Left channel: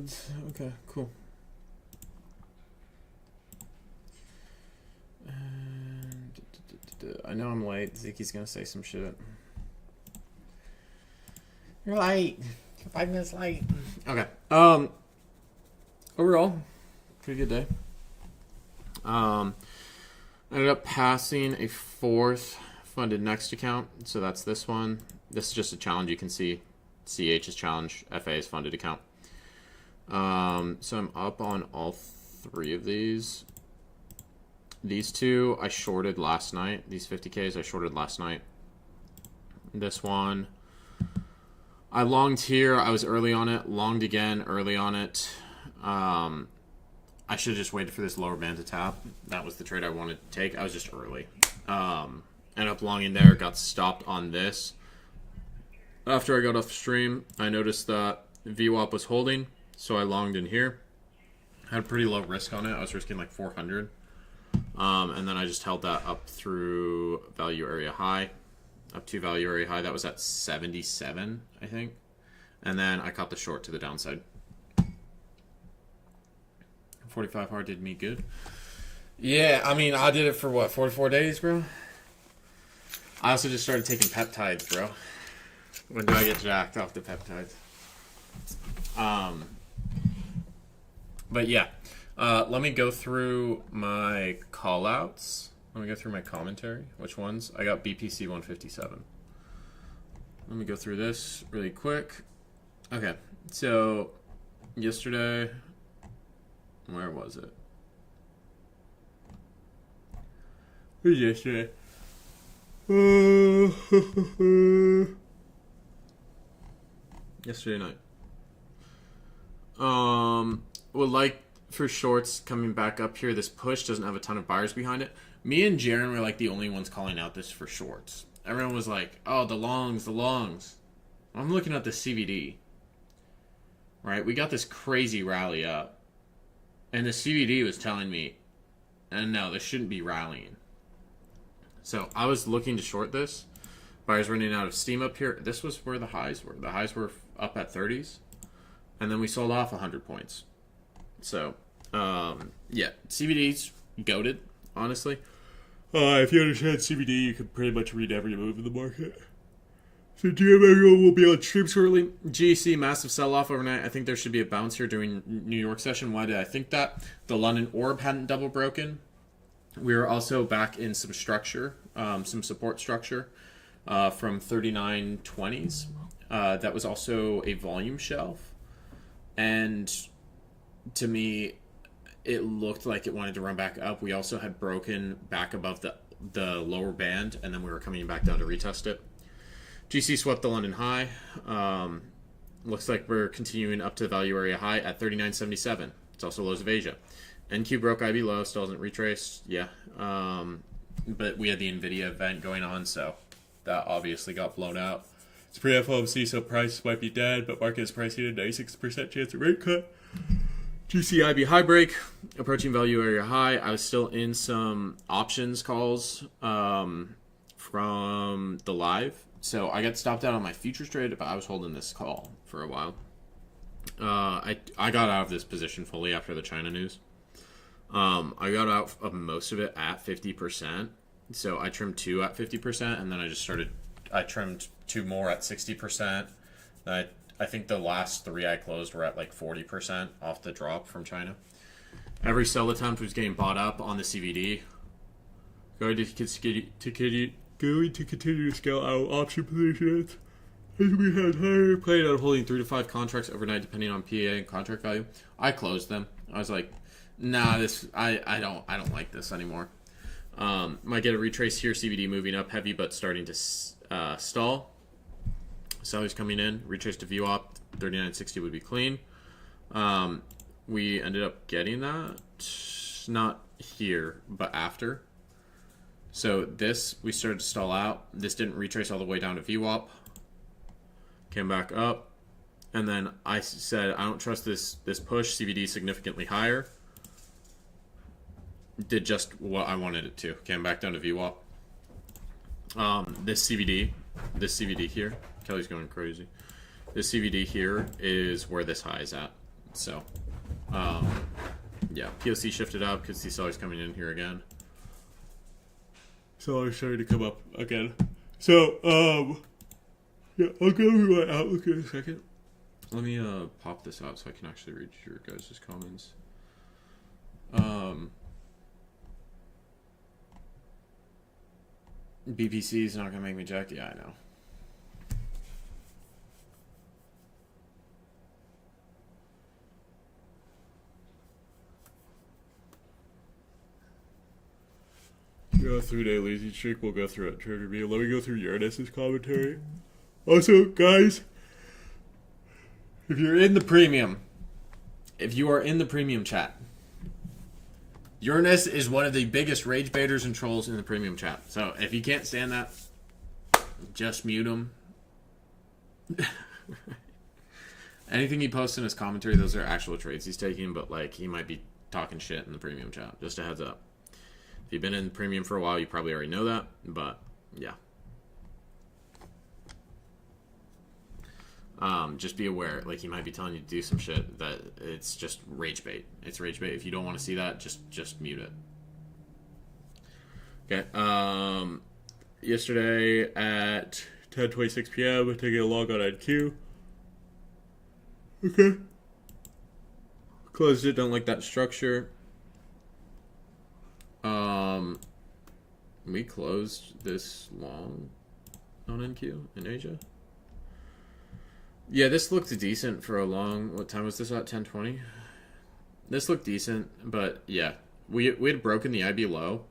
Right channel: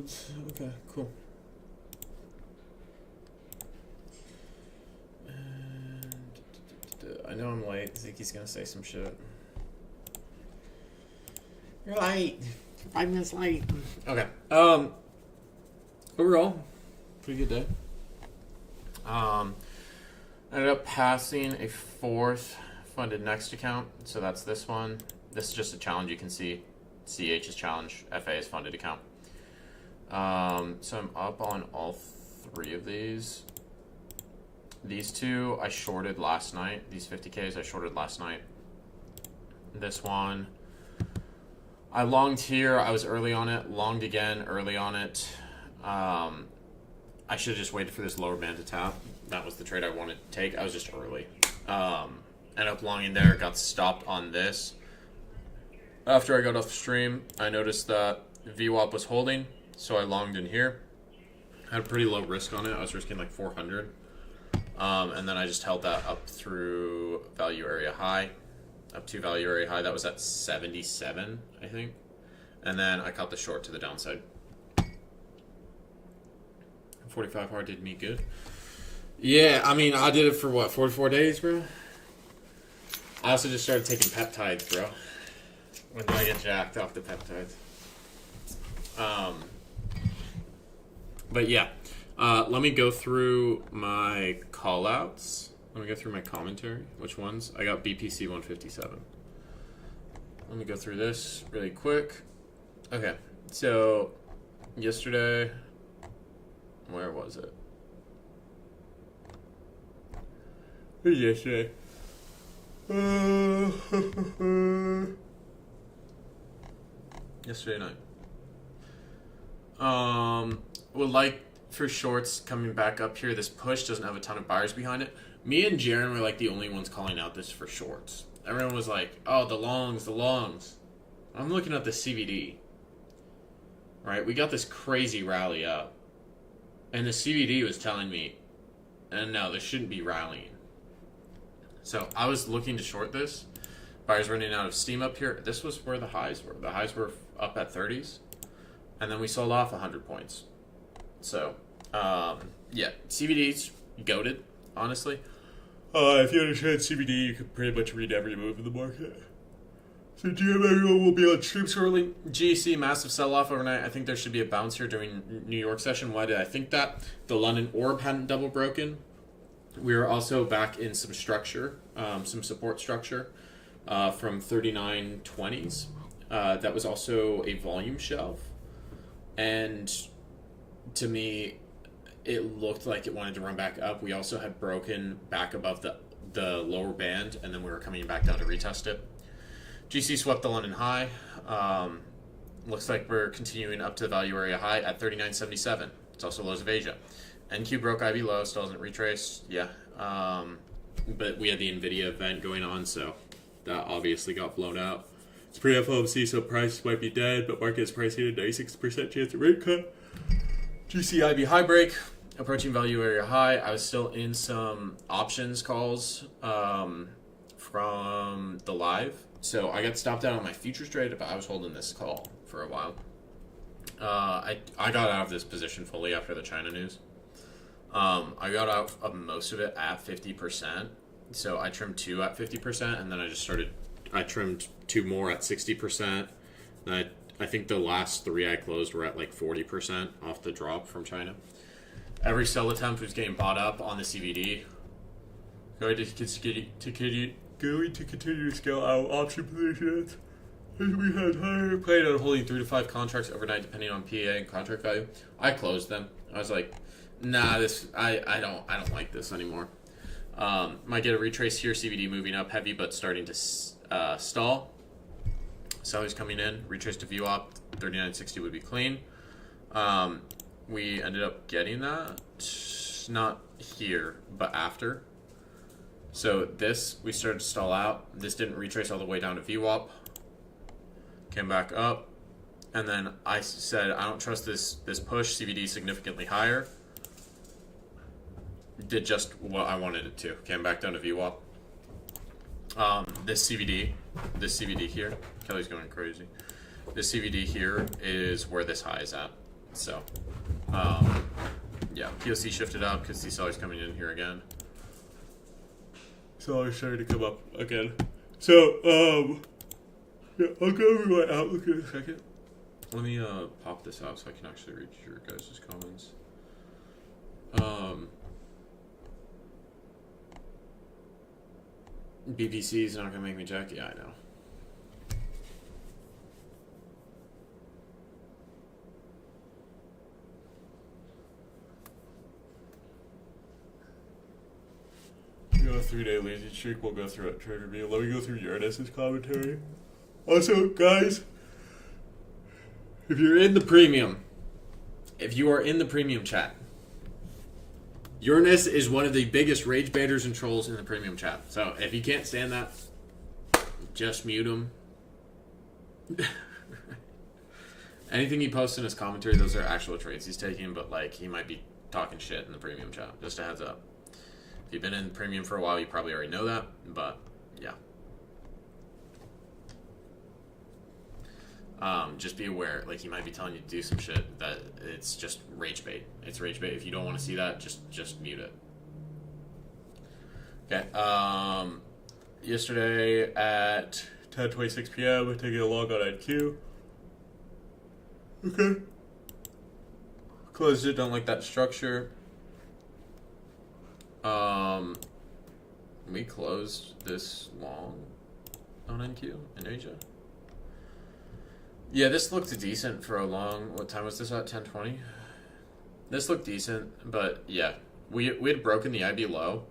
loads. Okay, cool. And I know I'm late. Ziki's gonna say some shit. You're late. 5 minutes late. Okay. Overall, pretty good day. Ended up passing a fourth funded next account. So that's this one. This is just a challenge. You can see CH's challenge, FA's funded account. So I'm up on all three of these. These two I shorted last night. These 50Ks I shorted last night. This one I longed here. I was early on it. Longed again early on it. I should have just waited for this lower band to tap. That was the trade I wanted to take. I was just early. Ended up longing there. Got stopped on this. After I got off stream, I noticed that VWAP was holding, so I longed in here. Had a pretty low risk on it. I was risking like 400. And then I just held that up through value area high. Up to value area high. That was at 77, I think. And then I caught the short to the downside. 45 hard did me good. Yeah, I mean, I did it for what, 44 days, bro? I also just started taking peptides, bro. When do I get jacked off the peptides? But yeah. Let me go through my call-outs. Let me go through my commentary. Which ones? I got BPC 157. Let me go through this really quick. Okay, so yesterday, where was it? Who's yesterday? Yesterday night. Well, like for shorts coming back up here, this push doesn't have a ton of buyers behind it. Me and Jaren were like the only ones calling out this for shorts. Everyone was like, "Oh, the longs, the longs." I'm looking at the CVD. Right, we got this crazy rally up, and the CVD was telling me, "And no, this shouldn't be rallying." So I was looking to short this. Buyers running out of steam up here. This was where the highs were. The highs were up at 30s, and then we sold off 100 points. So, yeah, CVD's goated, honestly. If you understand CVD, you can pretty much read every move in the market. So GMO will be on stream shortly. GEC, massive sell-off overnight. I think there should be a bounce here during New York session. Why did I think that? The London orb hadn't double broken. We were also back in some structure, some support structure from 3920s. That was also a volume shelf. And to me, it looked like it wanted to run back up. We also had broken back above the lower band, and then we were coming back down to retest it. GC swept the London high. Looks like we're continuing up to the value area high at 39.77. It's also lows of Asia. NQ broke IB low, still hasn't retraced. Yeah. But we had the NVIDIA event going on, so that obviously got blown out. It's pre-FOMC, so price might be dead, but market is pricing a 96% chance of rate cut. GCIB high break, approaching value area high. I was still in some options calls from the live. So I got stopped out on my futures trade, but I was holding this call for a while. I got out of this position fully after the China news. I got out of most of it at 50%. So I trimmed 2 at 50%, and then I trimmed 2 more at 60%. I think the last 3 I closed were at like 40% off the drop from China. Every sell attempt was getting bought up on the CVD. Going to continue to scale out option positions as we had higher. Played on holding 3 to 5 contracts overnight depending on PA and contract value. I closed them. I was like, nah, I don't like this anymore. Might get a retrace here. CVD moving up heavy, but starting to stall. Sellers coming in. Retrace to VWAP. 39.60 would be clean. We ended up getting that. Not here, but after. So this, we started to stall out. This didn't retrace all the way down to VWAP. Came back up. And then I said, I don't trust this push. CVD significantly higher. Did just what I wanted it to. Came back down to VWAP. This CVD here. Kelly's going crazy. This CVD here is where this high is at. So, yeah, POC shifted up because the seller's coming in here again. Seller's starting to come up again. So, yeah, I'll go over my outlook in a second. Let me pop this out so I can actually read your guys' comments. BPC is not gonna make me jack. Yeah, I know. We got a 3-day lazy streak. We'll go through it. Trader V. Let me go through Uranus's commentary. Also, guys, if you're in the premium, if you are in the premium chat, Uranus is one of the biggest rage baiters and trolls in the premium chat. So if you can't stand that, just mute him. Anything he posts in his commentary, those are actual trades he's taking, but like he might be talking shit in the premium chat. Just a heads up. If you've been in premium for a while, you probably already know that, but yeah. Just be aware, like he might be telling you to do some shit that it's just rage bait. It's rage bait. If you don't want to see that, just mute it. Okay. Yesterday at 10:26 p.m., taking a log on NQ. Okay. Closed it. Don't like that structure. We closed this long on NQ in Asia. Yeah, this looked decent for a long... What time was this at? 10:20? This looked decent, but yeah. We had broken the IB low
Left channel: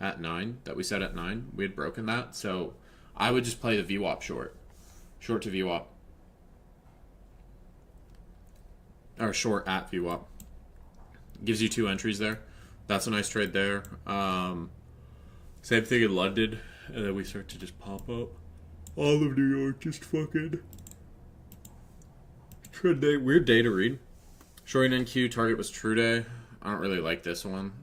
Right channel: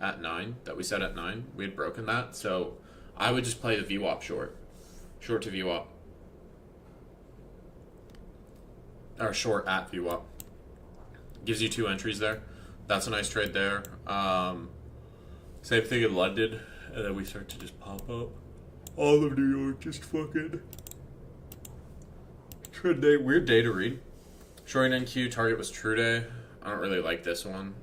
at 9, that we set at 9. We had broken that, so I would just play the VWAP short. Short to VWAP. Or short at VWAP. Gives you 2 entries there. That's a nice trade there. Same thing in London, and then we start to just pop up. All of New York just fucking... Trade day, weird day to read. Showing NQ, target was true day. I don't really like this one.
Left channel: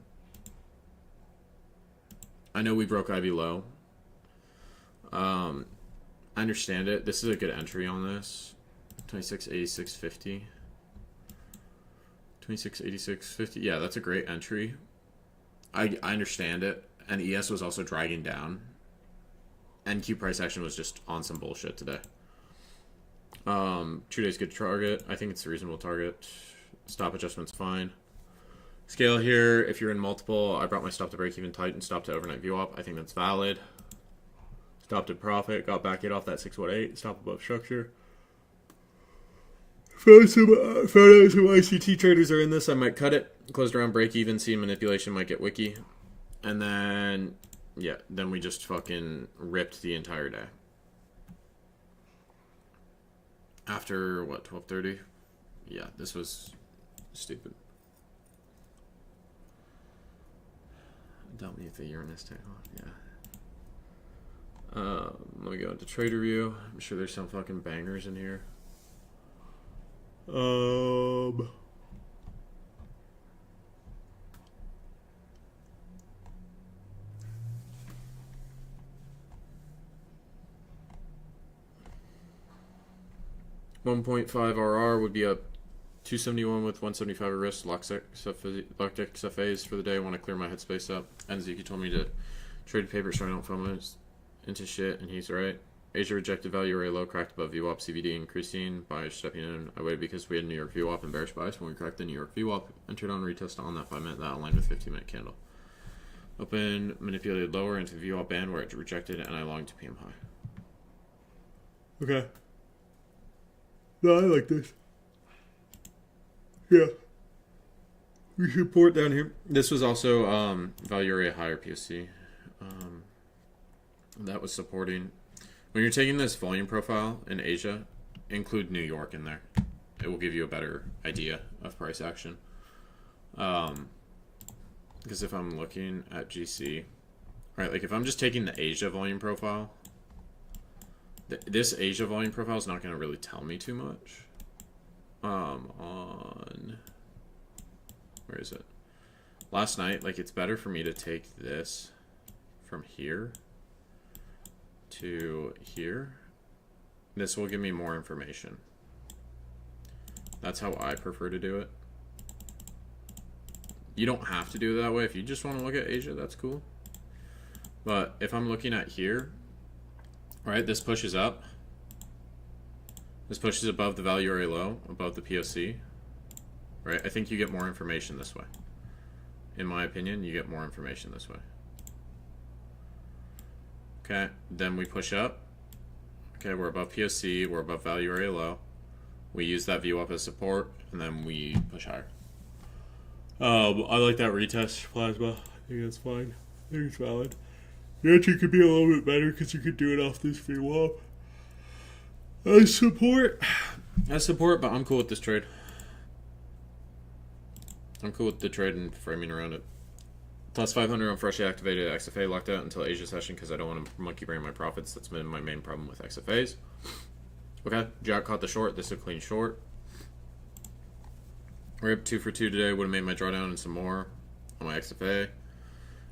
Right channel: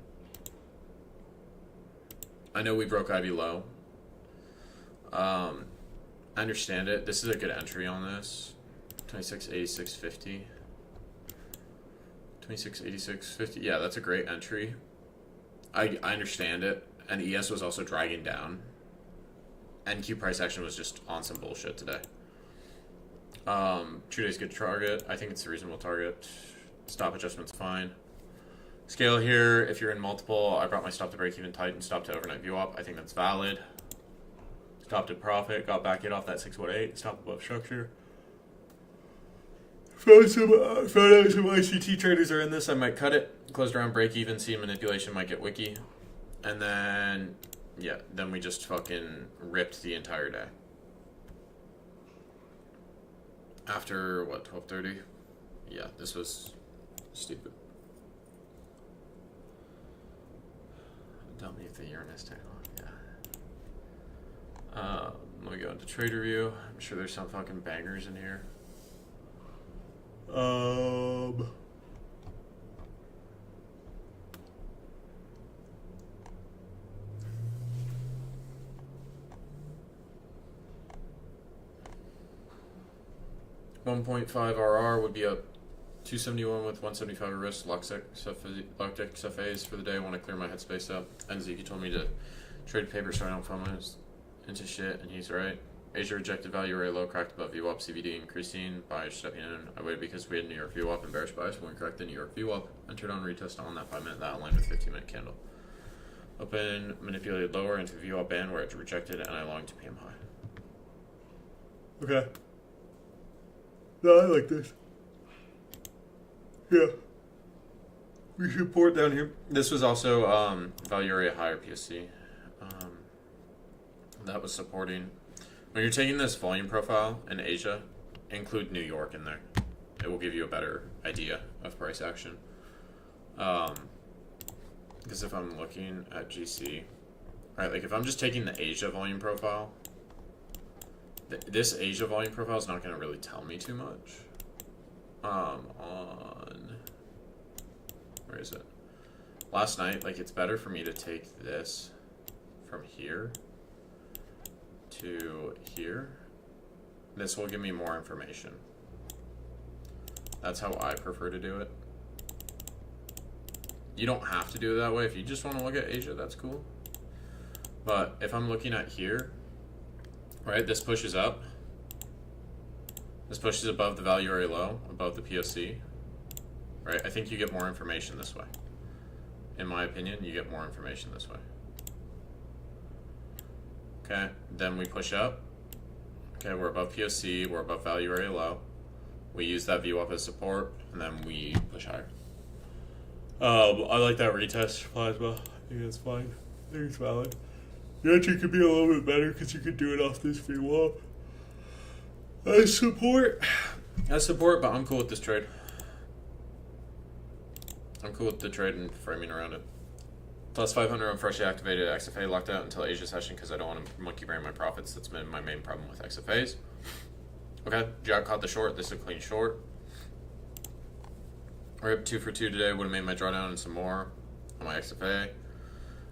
I know we broke IB low. I understand it. This is a good entry on this. 26.8650. 26.8650. Yeah, that's a great entry. I understand it. And ES was also dragging down. NQ price action was just on some bullshit today. 2 days good target. I think it's a reasonable target. Stop adjustment's fine. Scale here, if you're in multiple, I brought my stop to break even tight and stop to overnight VWAP. I think that's valid. Stop to profit, got back in off that 618, stop above structure. Found out some ICT traders are in this. I might cut it. Closed around break even, see manipulation, might get wiki. And then, yeah, then we just fucking ripped the entire day. After, what, 12:30? Yeah, this was stupid. Tell me if the Uranus take off, yeah. Let me go into trader view. I'm sure there's some fucking bangers in here. 1.5 RR would be a 271 with 175 at risk. Lock deck FAs for the day. I want to clear my headspace up. And Zeke told me to trade paper so I don't FOMO into shit, and he's right. Asia rejected value array low, cracked above VWAP, CVD increasing. Buyers stepping in. I waited because we had New York VWAP and bearish bias when we cracked the New York VWAP. Entered on retest on that 5 minute. That aligned with 15-minute candle. Open, manipulated lower into VWAP band where it rejected, and I longed to PM high. Okay. No, I like this. Yeah. We should pour it down here. This was also value area higher PSC. That was supporting. When you're taking this volume profile in Asia, include New York in there. It will give you a better idea of price action. Because if I'm looking at GC, right, like if I'm just taking the Asia volume profile, this Asia volume profile is not going to really tell me too much. Where is it? Last night, like it's better for me to take this from here to here. This will give me more information. That's how I prefer to do it. You don't have to do it that way. If you just want to look at Asia, that's cool. But if I'm looking at here, right, this pushes up. This pushes above the value area low, above the POC. Right, I think you get more information this way. In my opinion, you get more information this way. Okay, then we push up. Okay, we're above POC, we're above value area low. We use that view up as support, and then we push higher. I like that retest plasma. I think it's fine. I think it's valid. You actually could be a little bit better because you could do it off this VWAP. As support, but I'm cool with this trade. I'm cool with the trade and framing around it. Plus 500 on freshly activated XFA locked out until Asia session because I don't want to monkey brain my profits. That's been my main problem with XFAs. Okay, Jack caught the short. This is a clean short. We're up 2 for 2 today. Would have made my drawdown and some more on my XFA.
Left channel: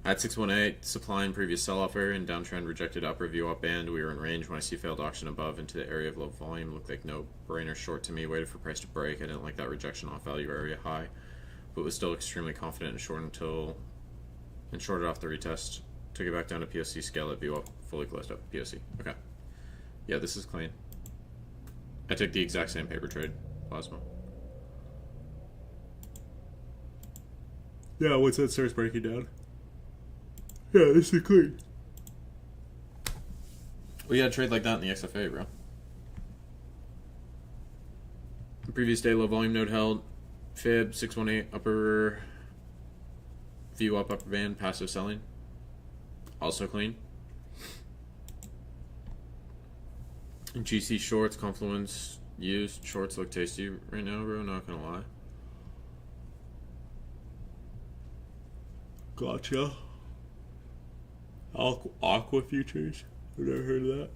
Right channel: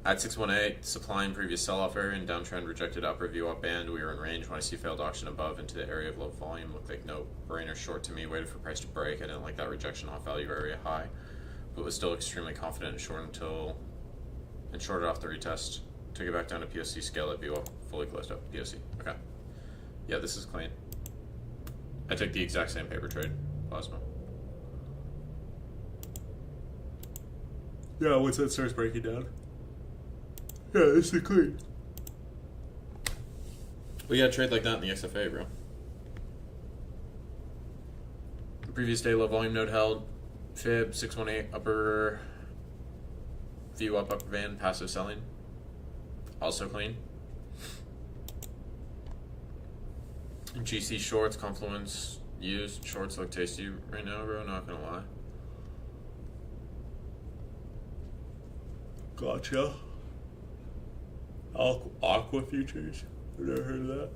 At 618, supplying previous sell-off area and downtrend rejected upper view up band. We were in range when I see failed auction above into the area of low volume. Looked like no brainer short to me. Waited for price to break. I didn't like that rejection off value area high, but was still extremely confident in short until and shorted off the retest. Took it back down to POC, scale it, view up, fully closed up. POC. Okay. Yeah, this is clean. I took the exact same paper trade. Plasma. Yeah, once that starts breaking down. Yeah, this is clean. We got a trade like that in the XFA, bro. Previous day low volume node held. Fib 618 upper view up upper band passive selling. Also clean. GC shorts confluence used. Shorts look tasty right now, bro. Not gonna lie. Gotcha. Aqua futures. I've never heard of that.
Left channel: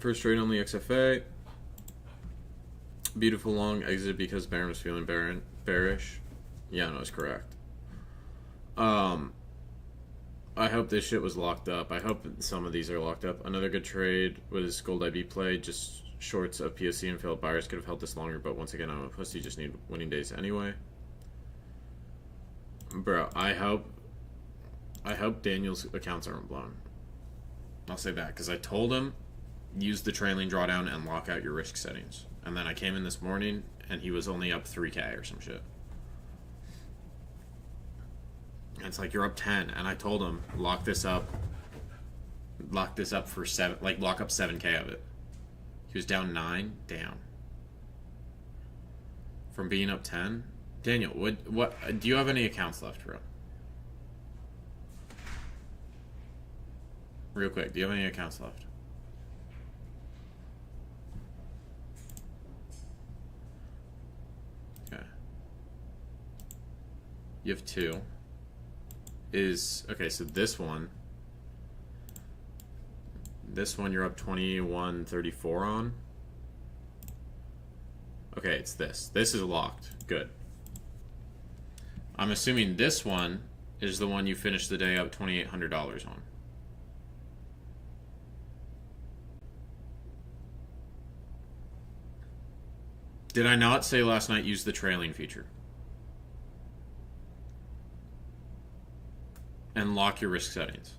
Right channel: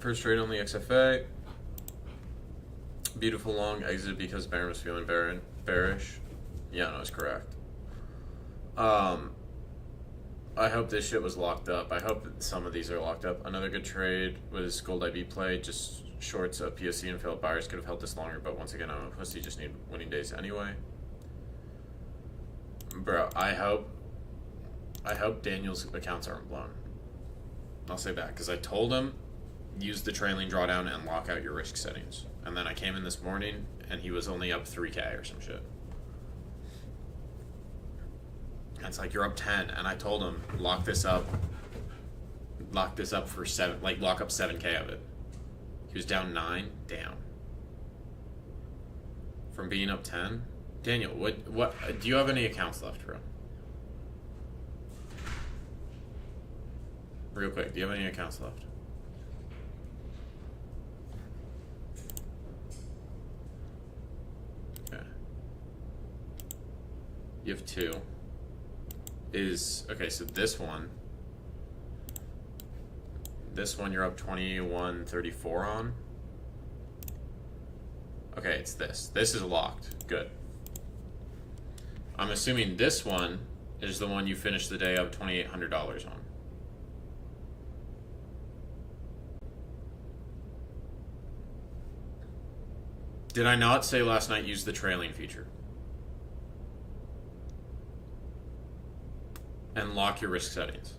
First trade on the XFA. Beautiful long exit because Baron was feeling bearish. Yeah, no, it's correct. I hope this shit was locked up. I hope some of these are locked up. Another good trade was Gold IB play. Just shorts of PSC and failed buyers could have held this longer, but once again, I'm a pussy. Just need winning days anyway. Bro, I hope Daniel's accounts aren't blown. I'll say that because I told him use the trailing drawdown and lock out your risk settings. And then I came in this morning and he was only up 3K or some shit. And it's like, you're up 10. And I told him, lock this up for 7, like lock up 7K of it. He was down 9, down. From being up 10. Daniel, what do you have any accounts left, bro? Real quick, do you have any accounts left? Okay. You have 2. Okay, so this one you're up 21.34 on. Okay, it's this. This is locked. Good. I'm assuming this one is the one you finished the day up $2,800 on. Did I not say last night use the trailing feature? And lock your risk settings.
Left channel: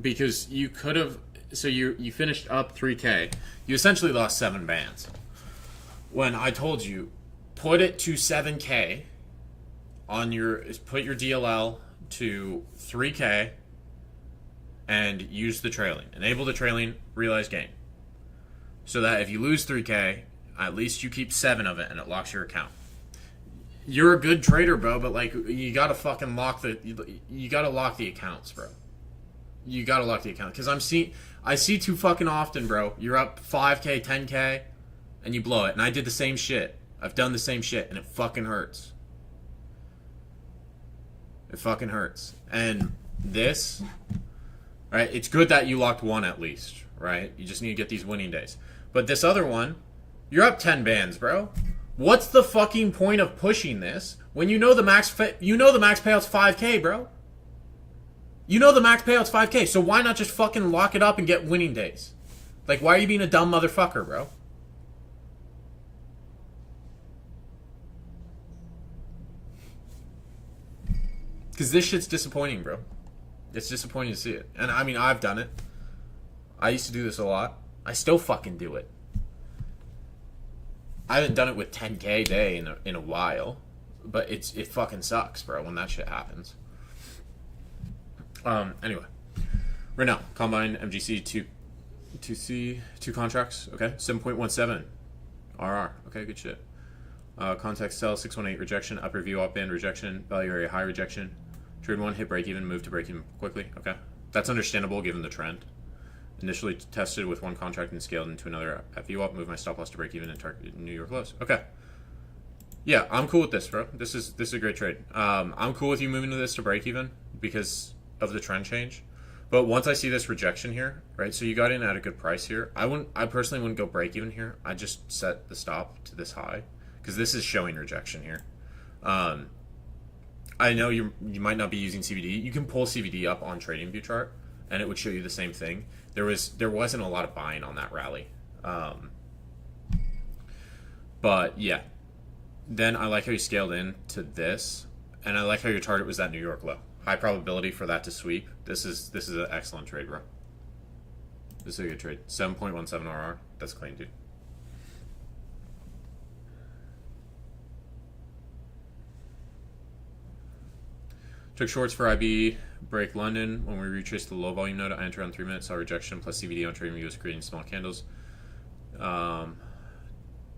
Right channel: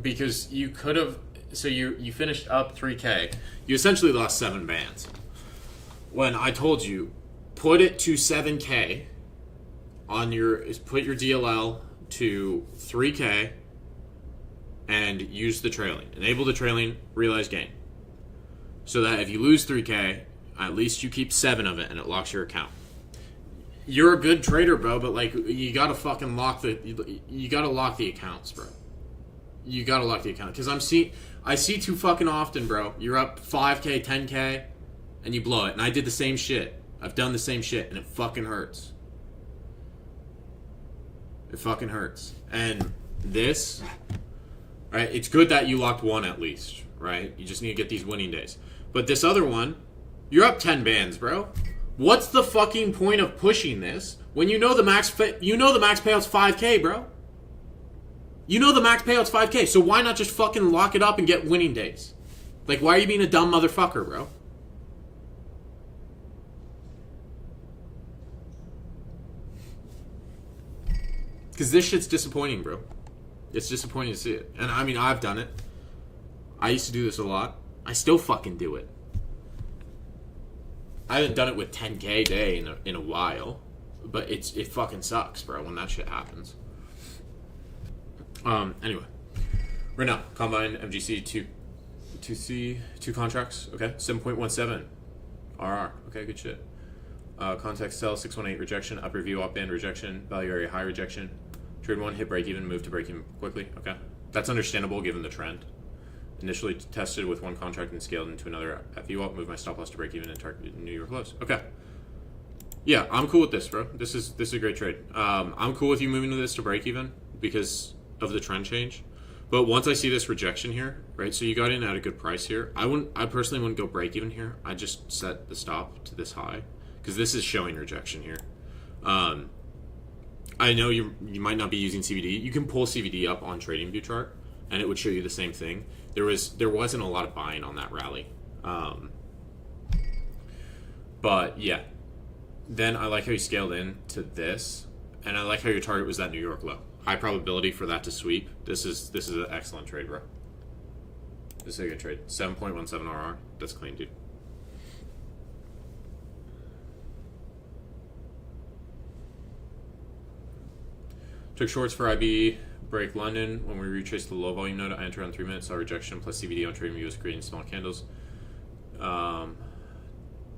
Because you could have, so you finished up 3K. You essentially lost 7 bands. When I told you, put it to 7K on put your DLL to 3K and use the trailing. Enable the trailing, realize gain. So that if you lose 3K, at least you keep 7 of it and it locks your account. You're a good trader, bro, but like you gotta fucking lock you gotta lock the accounts, bro. You gotta lock the account. Because I see too fucking often, bro. You're up 5K, 10K, and you blow it. And I did the same shit. I've done the same shit, and it fucking hurts. It fucking hurts. And this, right, it's good that you locked 1 at least, right? You just need to get these winning days. But this other one, you're up 10 bands, bro. What's the fucking point of pushing this when you know the max payout's 5K, bro? You know the max payout's 5K, so why not just fucking lock it up and get winning days? Like, why are you being a dumb motherfucker, bro? Because this shit's disappointing, bro. It's disappointing to see it. And, I mean, I've done it. I used to do this a lot. I still fucking do it. I haven't done it with 10K a day in a while. But it fucking sucks, bro, when that shit happens. Anyway. Right now, Combine MGC 2C, 2 contracts. Okay, 7.17 RR. Okay, good shit. Context sell 618 rejection, upper view op band rejection, value area high rejection. Trade 1 hit break even, move to break even quickly. Okay, that's understandable given the trend. Initially tested with 1 contract and scaled into another at view op. Move my stop loss to break even and target New York lows. Okay. Yeah, I'm cool with this, bro. This is a great trade. I'm cool with you moving to this to break even because of the trend change. But once I see this rejection here, right? So you got in at a good price here. I personally wouldn't go break even here. I just set the stop to this high because this is showing rejection here. I know you might not be using CVD. You can pull CVD up on TradingView chart, and it would show you the same thing. There wasn't a lot of buying on that rally, but yeah. Then I like how you scaled in to this, and I like how your target was that New York low. High probability for that to sweep. This is an excellent trade, bro. This is a good trade. 7.17 RR. That's clean, dude. Took shorts for IB break London. When we retraced the low volume node, I entered on 3 minutes, saw rejection plus CVD on TradingView was creating small candles.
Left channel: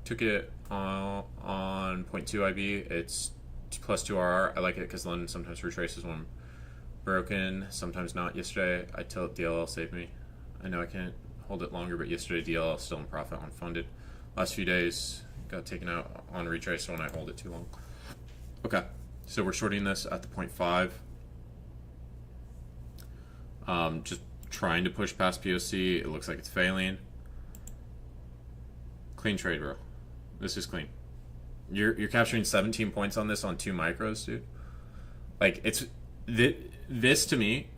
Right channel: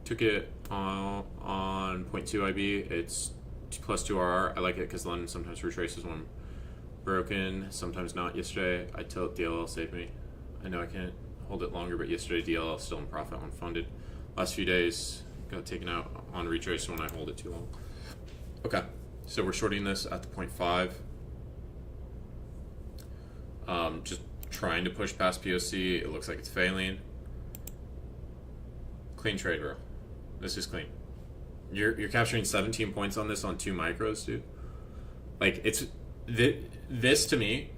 Took it on 0.2 IB. It's plus 2 RR. I like it because London sometimes retraces when broken, sometimes not. Yesterday, I tilt DLL saved me. I know I can't hold it longer, but yesterday DLL still in profit on funded. Last few days got taken out on retrace when I hold it too long. Okay, so we're shorting this at the 0.5. Just trying to push past POC. It looks like it's failing. Clean trade, bro. This is clean. You're capturing 17 points on this on 2 micros, dude. Like, it's this to me,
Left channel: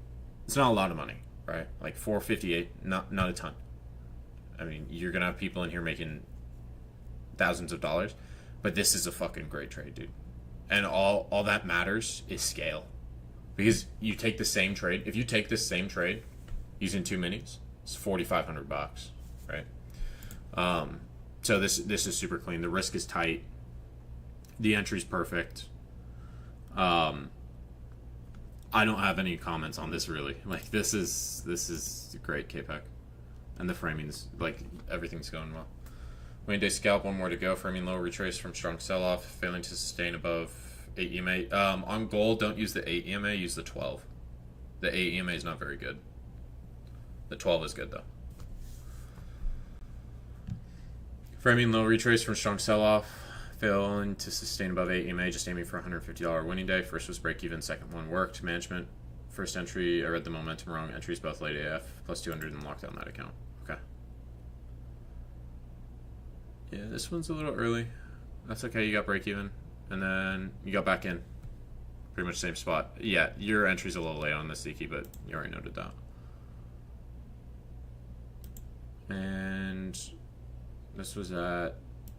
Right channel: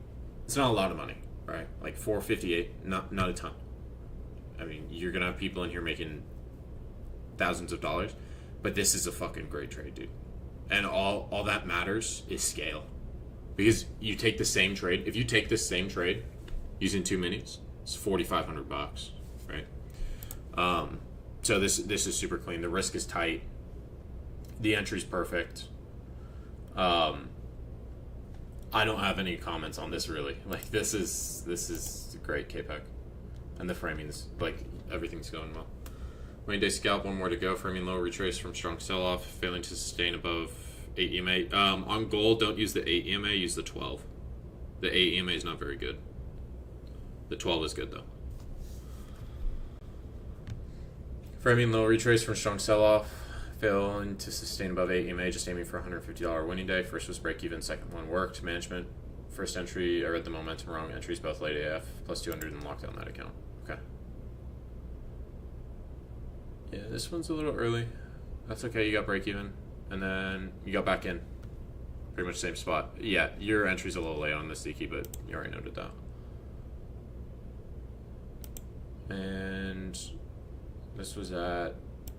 it's not a lot of money, right? Like 458, not a ton. I mean, you're gonna have people in here making thousands of dollars, but this is a fucking great trade, dude. And all that matters is scale, because you take the same trade. If you take this same trade using 2 minis, it's $4,500, right? So this is super clean. The risk is tight. The entry's perfect. I don't have any comments on this really. Like this is great KPEC, and the framing's like everything's going well. Wayne Day scalp, 1 more to go. Framing low, retrace from strong sell-off, failing to sustain above 8 EMA. On gold, don't use the 8 EMA, use the 12. The 8 EMA is not very good. The 12 is good though. Framing low, retrace from strong sell-off, failing to sustain above 8 EMA, just aiming for $150 winning day. First was break even, second one worked. Management, first entry, I read the momentum wrong. Entries both late AF, plus 200 and locked down that account. Okay. Yeah, this one's a little early. That's okay, you got break even. And then you got back in. Pretty much same spot. Yeah, your entry's a little late on this, Ziki, but you already noted that. And this was at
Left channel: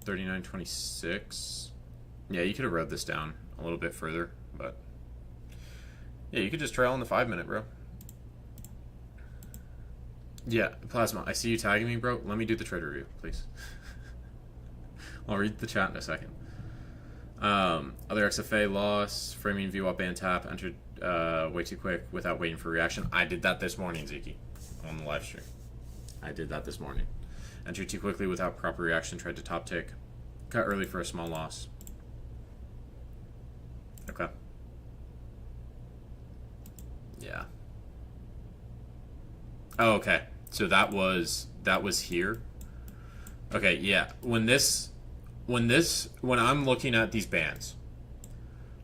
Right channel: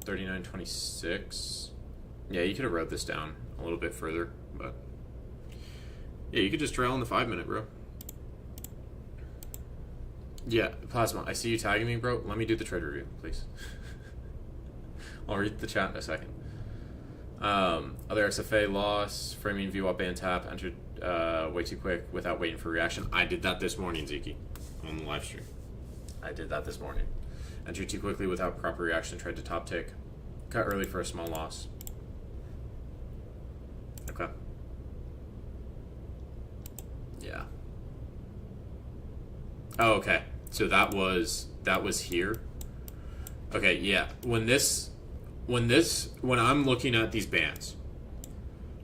39.26. Yeah, you could have wrote this down a little bit further, but yeah, you could just trail in the 5 minute, bro. Yeah, Plasma, I see you tagging me, bro. Let me do the trade review, please. I'll read the chat in a second. Other XFA loss, framing view up and tap, entered way too quick without waiting for reaction. I did that this morning, Ziki, on the live stream. I did that this morning. Entered too quickly without proper reaction, tried to top tick. Cut early for a small loss. Okay. Yeah. Oh, okay. So that was here. Okay, yeah. When I'm looking at these bands,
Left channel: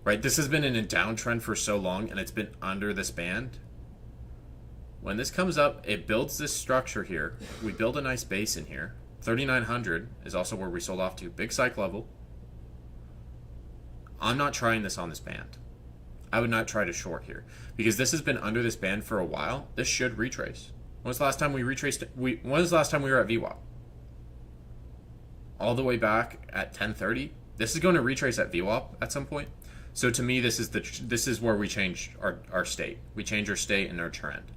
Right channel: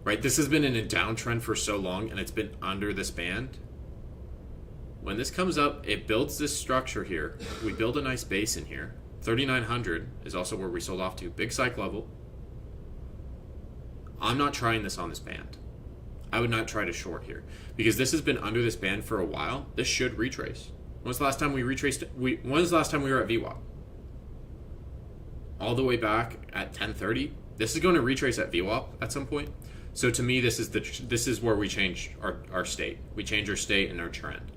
right? This has been in a downtrend for so long, and it's been under this band. When this comes up, it builds this structure here. We build a nice base in here. 3,900 is also where we sold off to. Big psych level. I'm not trying this on this band. I would not try to short here because this has been under this band for a while. This should retrace. When was the last time we retraced? When was the last time we were at VWAP? All the way back at 10:30. This is going to retrace at VWAP at some point. So to me, this is where we change our state. We change our state and our trend.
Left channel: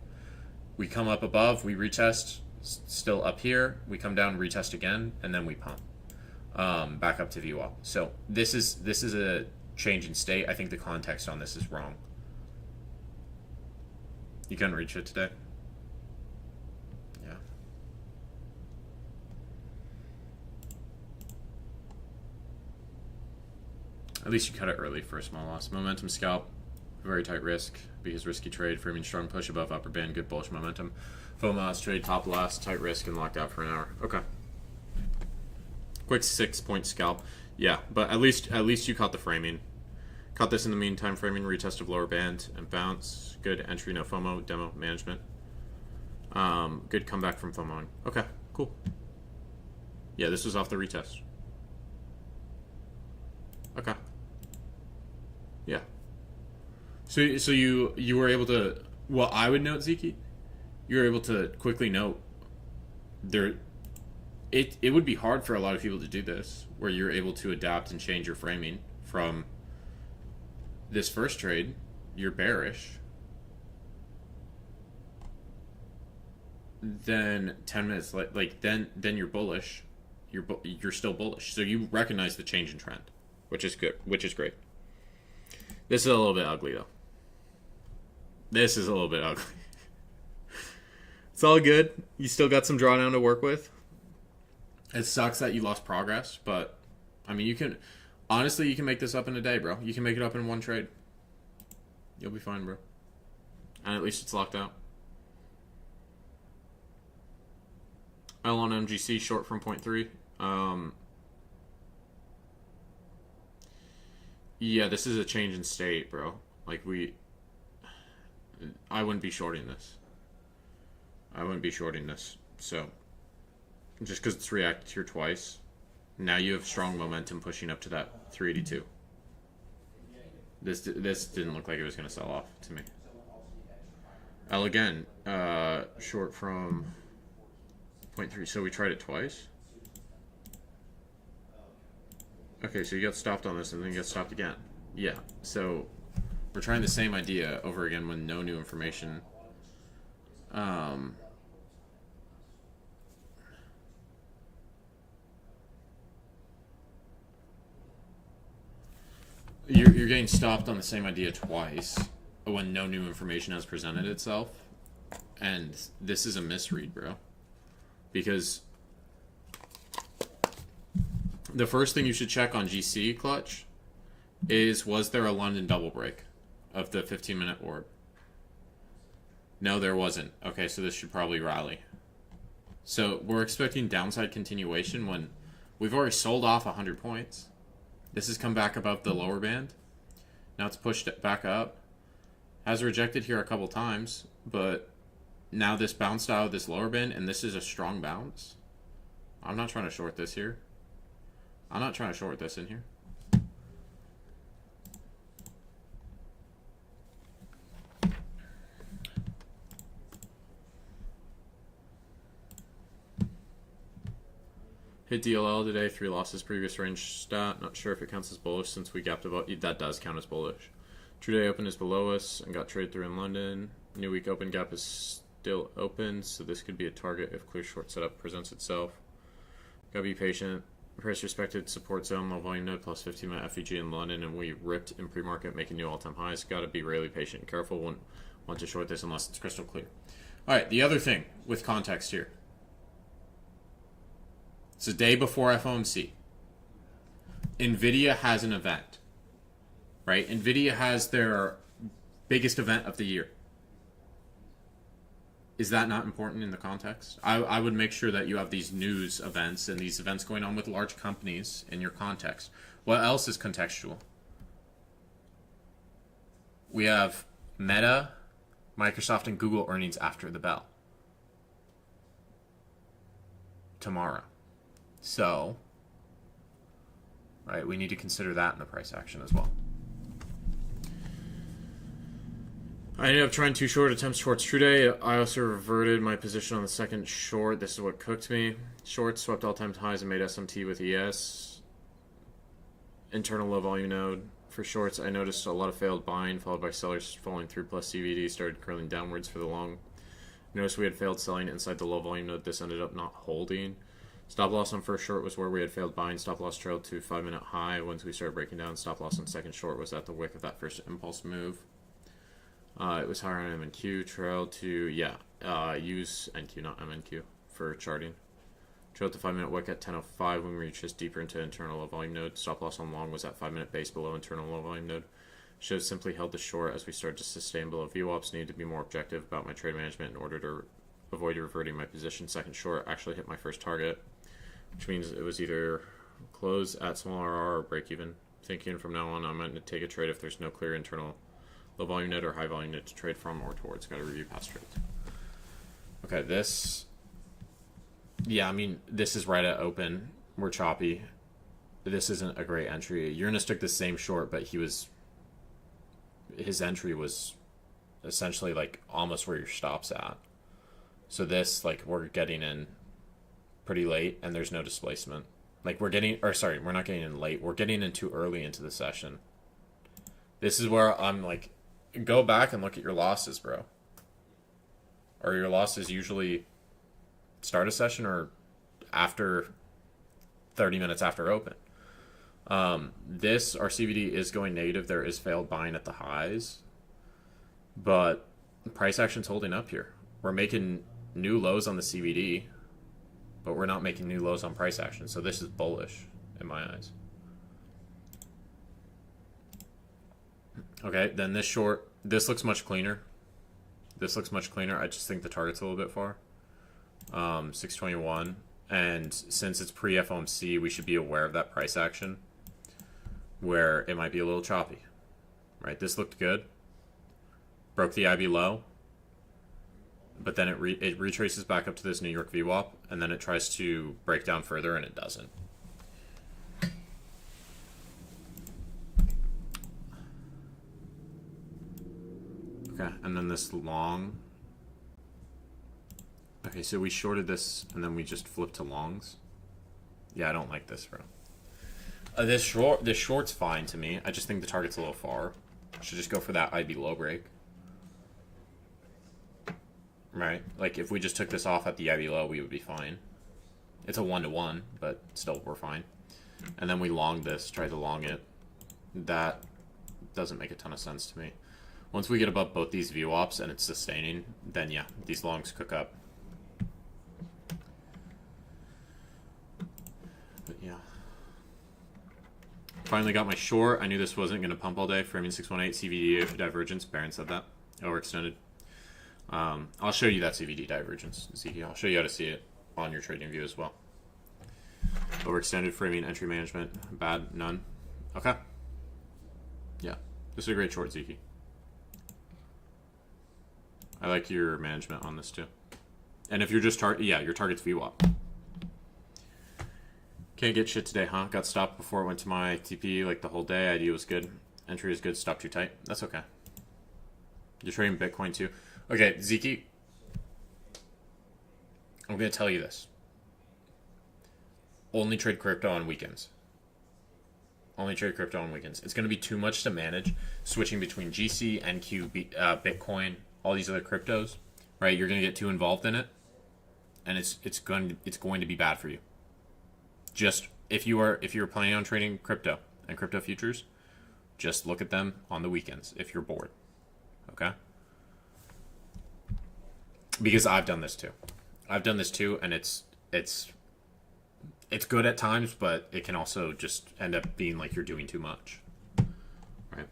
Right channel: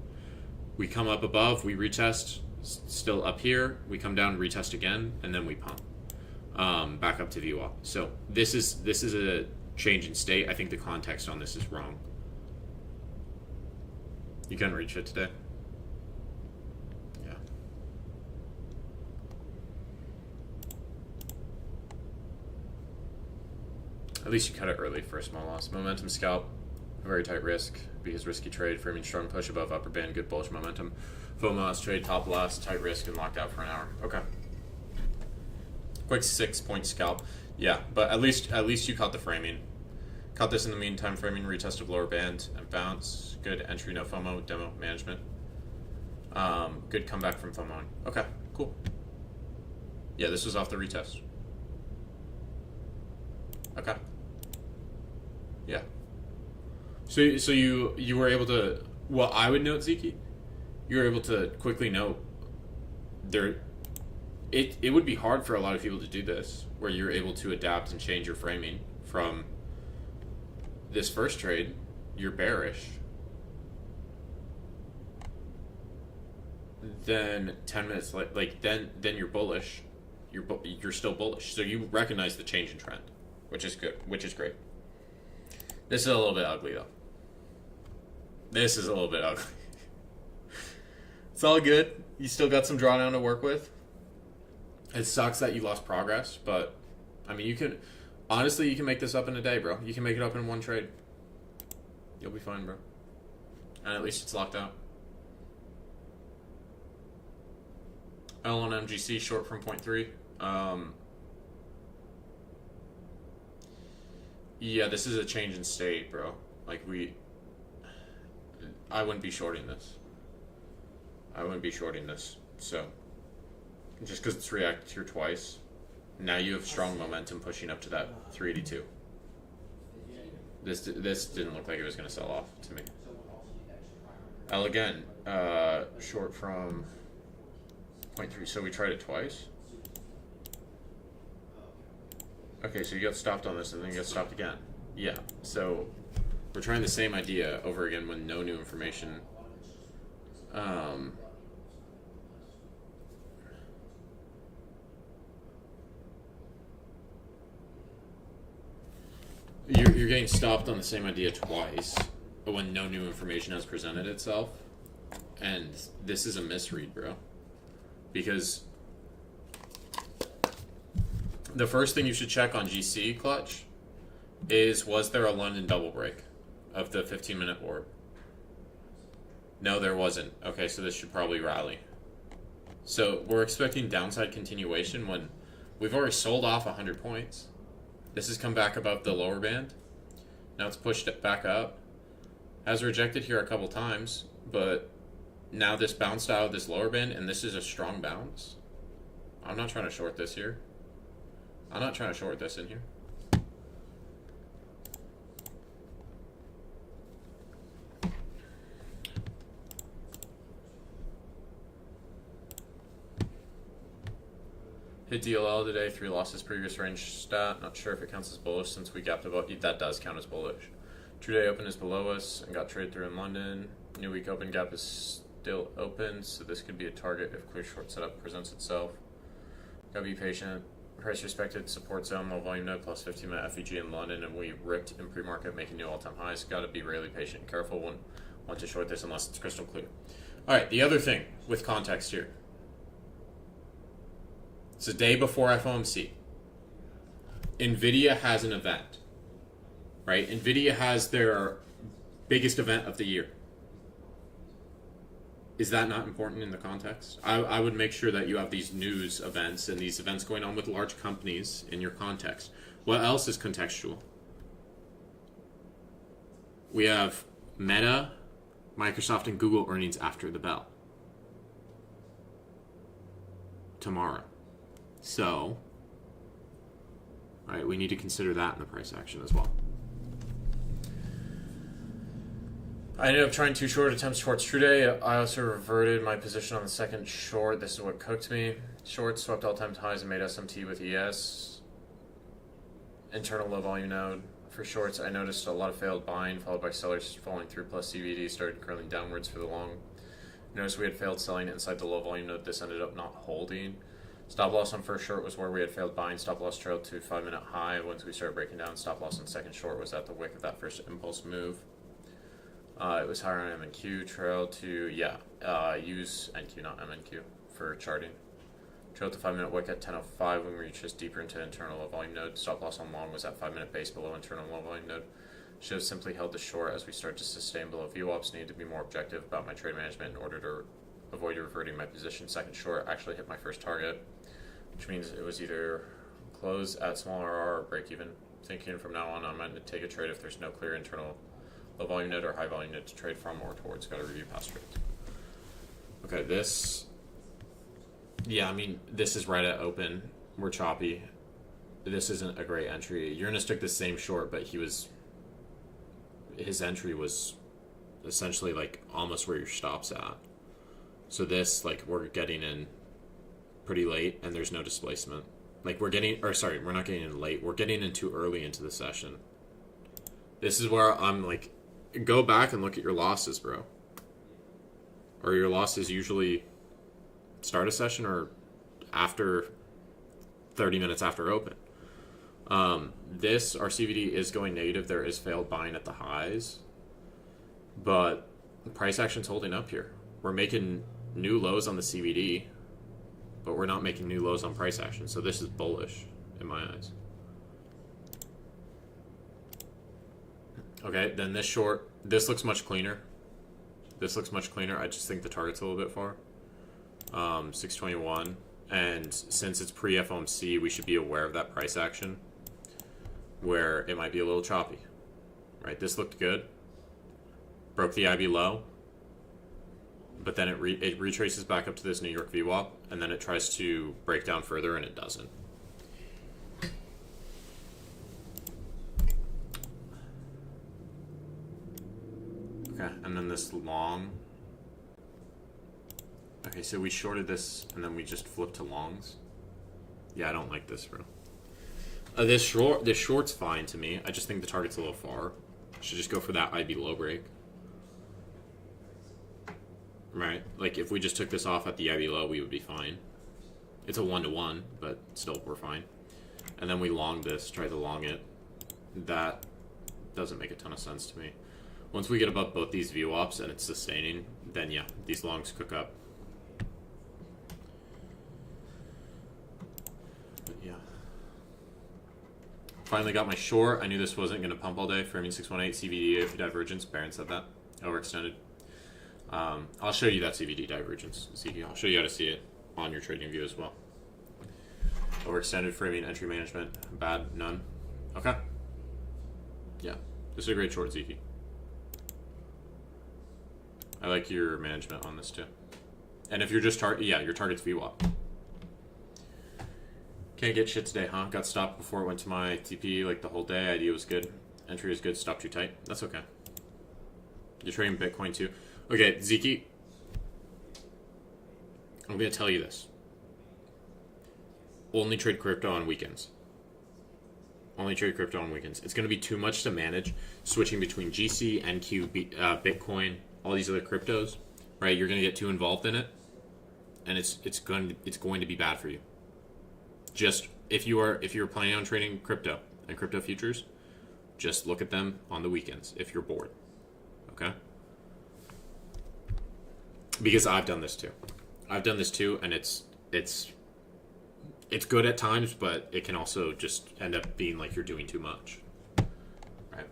We come up above, we retest, still up here. We come down, retest again, and then we pump back up to VWAP. So this is a change in state. I think the context on this is wrong. You couldn't reach it today. Yeah. At least you cut it early for a small loss. Momentum scalp, very tight risk because risky trade, framing strong push above upper band, good bullish momentum. FOMOS trade, top last, tight risk, and locked out for an hour. Okay. Quick 6-point scalp. Yeah, but at least you caught the framing. Caught this in the meantime, framing, retest of lower band and bounce. Good entry, no FOMO, demo management. Good comeback from FOMOing. Okay, cool. Yeah, this was off the retest. Okay. Yeah. So you were able to, well, I would note, Zeke, you were able to quickly note there. It would be hard for a lot of people to do this, where you're able to adapt and change your framing from this first trade. You're bearish. Then 10 minutes then you're bullish. You're still bullish. So you recognize the change in trend, which is good, which is great. This is a little bit ugly though. This is a little bit ugly. It's all good. You still got some drawdown to work with. It sucks that you lost progress, but I mean, you can make this up in a day, bro. You can make it up in one trade. You'll be fine, bro. And at least it's locked out. L on MGC short from 0.3. Yeah, this is a change in state, bro. I wouldn't be shorting this. So, just because it's reacted here twice, now you have strong momentum pushing up to that 382. This didn't look like it was going to sell off to me. L again, short from 0.3. So we tried it twice. Okay, so you got stopped on this and then you got stopped again. Yeah, so we're trying the same idea over again when no new information. You're getting stopped on the same idea twice when no new information has presented itself. And this is a misread, bro. Because the first thing you should check on GC clutch is, was there a London double break of the 15-minute orb? No, there wasn't. Okay, so this should probably rally. So we're expecting downside continuation when we've already sold off 100 points. This has come back above the lower band. Now it's pushed it back up. Has rejected here a couple times, but now this bounced out of this lower band, and this is a strong bounce. I'm not trying to short this here. I'm not trying to short this in here. Hit DLL today, 3 losses, previous range stat. Not sure if it counts as bullish since we gapped above. That does count as bullish. True day open is below us and got trade through in London. New week open gap is still open, so this could be a target if clear short setup presents itself. Gotta be patient. Price respected support zone, low volume node, plus 15-minute FEG in London, and we ripped in pre-market, making new all-time highs. Gotta be really patient and careful. Wouldn't want to short this unless it's crystal clear. All right, the other thing with context here. It's the day before FOMC. NVIDIA has an event, right? NVIDIA has their biggest event of the year. Is that not important in the context? I would make sure that you have these news events and these events going on with large companies in your context. What else is contextual? We have Meta, Microsoft, and Google earnings after the bell. Tomorrow. So, right, we need to consider that in the price action as well. I ended up trying 2 short attempts shorts true day. I also reverted my position on the second short. This is what cooked me. Short swept all-time highs and made SMT with ES. Internal low volume node. For shorts, I noticed a lot of failed buying, followed by sellers falling through, plus CVD started curling downwards for the long. Notice we had failed selling inside the low volume node. This ended up not holding. Stop loss on first short was where we had failed buying. Stop loss trailed to 5-minute high. Once we started breaking down, stop loss on second short was at the wick of that first impulse move. It was higher on MNQ. Trail to, use NQ, not MNQ, for charting. Trail to 5-minute wick at 10:05 when we reached just deeper into internal low volume node. Stop loss on long was at 5-minute base below internal low volume node. Should have simply held the short as we started to sustain below. VWAPs needed to be more objective about my trade management in order to avoid reverting my position. Second short actually hit my first target, which means it was either close at smaller R or break even. Thinking from now on, I might take a trade if there's no clear internal low volume node or high volume node to trade from or towards. Got to review past trades. Okay, this. Yeah, I mean, this is right at open. We're choppy. This isn't a great entry. Uranus took the same short, but his entry was essentially like almost where your stop's at. So this, like, we're getting in pretty late and there's no displacement. Like, we're not getting in late. We're getting in too early into the session. This is where I'm like, go back and look at your losses, bro. Or your losses usually start a session or after 30 minutes after open. Our CVD is going negative. There is failed buying at the highs, but price action's holding up here. We're making new lows on the CVD, but we're not making new lows on price action. So this is bullish in my eyes. Okay, then this short, this looks much cleaner. This looks much cleaner. I just think the target's a little bit far. 621. And since it's pre-FOMC, we should be aware of that price action where it might be a little choppy. Right? This looked good. Broke the IB low. But then it retraces back up to this New York VWAP, and then it tries to break down further, and it doesn't. Okay, and then this long. Okay, so we shorted this, and then we just flipped to longs. Yeah, I don't like this, bro. This short's fine to me. I just think the target's a little far. Should just go for that IB low break. Right? Like, if we just took this off at the IB low, we would be fine. It's a 1-to-1, but still, we're fine. And then we long this, try to long it. That doesn't make a ton of sense to me. Once we get above both these VWAPs and it's sustaining, then yeah, these longs cook up. But yeah. Finally got my short. I knew this wasn't going to pump all day. Framing 618, CVD divergence. Baron said that. Overextended. I'll show you that CVD divergence, Zeke. I'll show you how to see it on your trading view as well. Overextended, framing, entry management. Bad, none. Okay. Yeah. This is a great short, Zeke. I like your management on this too. And if you're just your target's VWAP. Can't get shit today, huh? Got stopped before it went to my TP like the whole day. Idea was good. Entry is good. Stop too tight. That's okay. You're trading Bitcoin too. Okay, Zeke. I'm going to tell you this. Only trade crypto on weekends. Only trade crypto on weekends. It's going to be too much to manage switching between GC, NQ, Bitcoin, all these other cryptos, right? You're going to get too involved in it, and it's going to be bad for you. Just if you're planning on trading crypto and crypto futures, just look at them on the weekends if you're bored. Okay? Because I've done this too. And it's good at times, but it can also just end up being like you're doing too much. Right?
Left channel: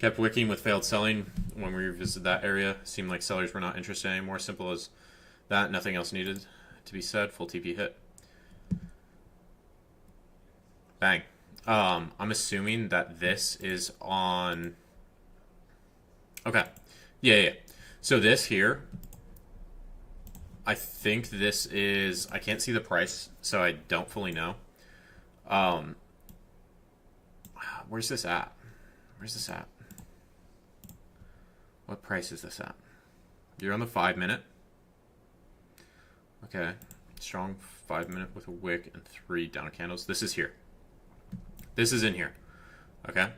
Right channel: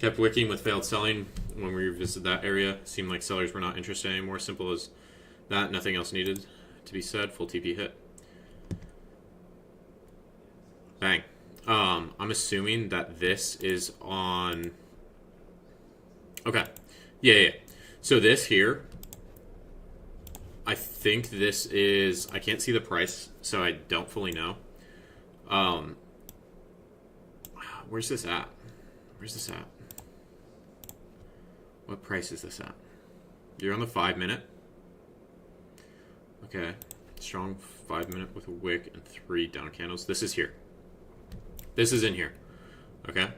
Kept wicking with failed selling when we revisited that area. Seemed like sellers were not interested anymore. Simple as that. Nothing else needed to be said. Full TP hit. Bang. I'm assuming that this is on... Okay. Yeah. So this here... I think this is... I can't see the price, so I don't fully know. Where's this at? What price is this at? You're on the 5 minute. Okay. Strong 5 minute with a wick and 3 down candles. This is here. This is in here. Okay.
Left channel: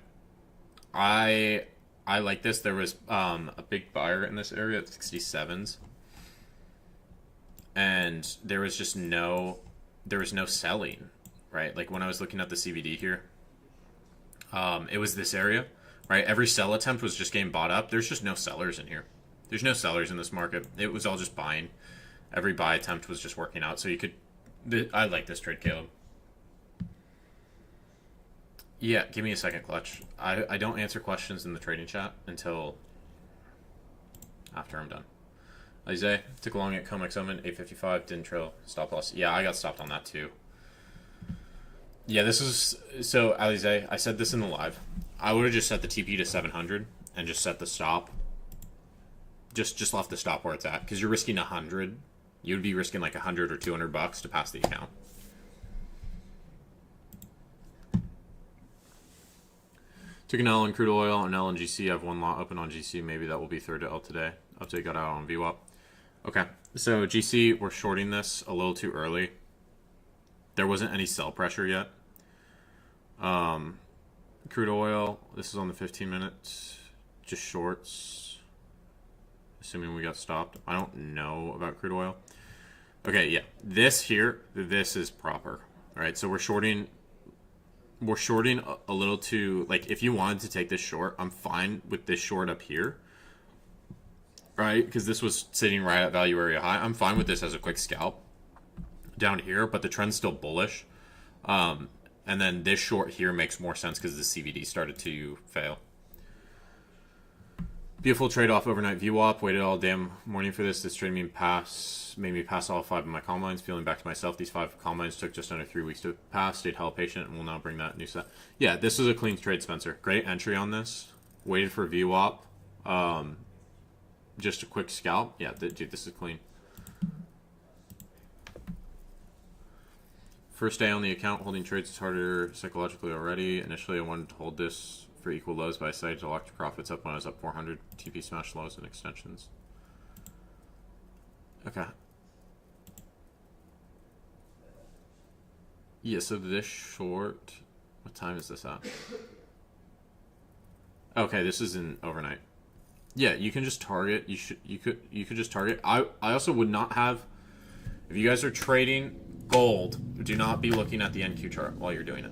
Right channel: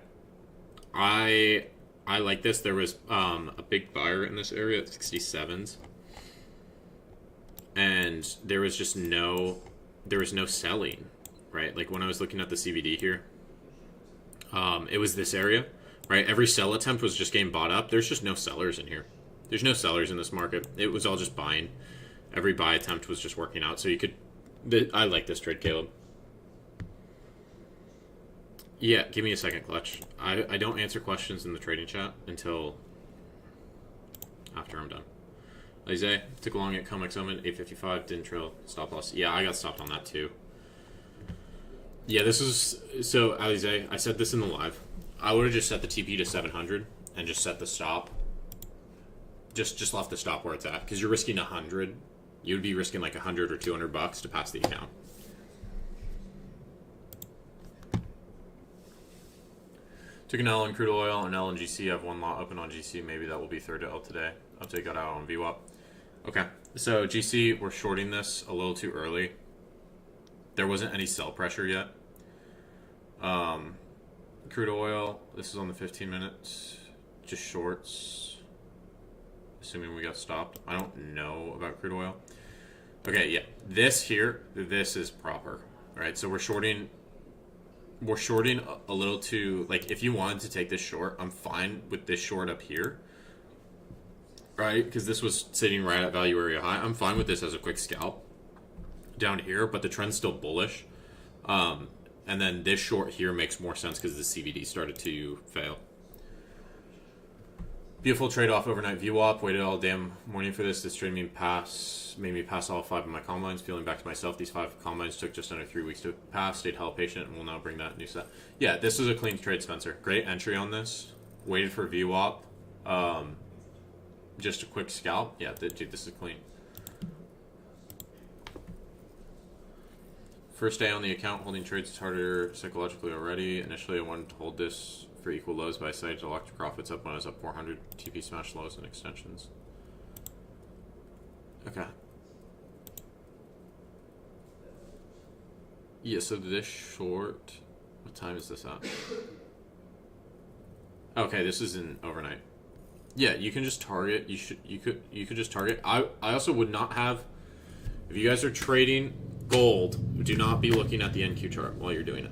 I like this. There was a big buyer in this area at 67s. And there was just no selling, right? Like when I was looking at the CVD here, it was this area, right? Every sell attempt was just getting bought up. There's just no sellers in here. There's no sellers in this market. It was all just buying. Every buy attempt was just working out. So you could, I like this trade, Caleb. Yeah, give me a second, Clutch. I don't answer questions in the trading chat until after I'm done. Alize, took a long at Comex Omen, 855, didn't trail, stop loss. Yeah, I got stopped on that too. Yeah, this is, so Alize, I said this in the live. I would have just set the TP to 700 and just set the stop. Just left the stop where it's at, because you're risking 100. You would be risking like 100 or 200 bucks to pass the account. Took an L on crude oil and L on GC. I have one lot open on GC. Maybe that will be third to L today. Update got out on VWAP. Okay, so GC, we're shorting this a little too early. There wasn't any sell pressure yet. Crude oil, this is on the 15 minutes. Just shorts. Assuming we got stopped. I don't know about crude oil. Okay, yeah. This here, this is proper. All right, so we're shorting a little too, like, if you wanted to take this short, I'm fine with this short up here. Right? Because this was sitting right at value area high. I'm fine with this as a quick scalp down here, but the trend's still bullish. And then this short here makes more sense because the CVD started to fail. Beautiful trade-off overnight VWAP. Waited all damn morning for this. This trade made me pass all 5 of my combines. Feeling back to myself, these 5 combines took just under 3 weeks to pass. Stayed hella patient and will now bring that new set. Yeah, this is a clean trade, Spencer. Great entry on this. Waited for VWAP. Just a quick scalp. Yeah, dude, this is clean. First day on the account, holding trades is harder psychologically already. Initially, I wanted to hold this for equal lows, but I decided to lock the profits up when I was up 400. TP smash lows and extensions. Okay. Yeah, so this short, what time is this at? Okay, this is in overnight. Yeah, you can just target. You could just target. I also would not have, if you guys are trading gold, do not be looking at the NQ chart while you're doing it,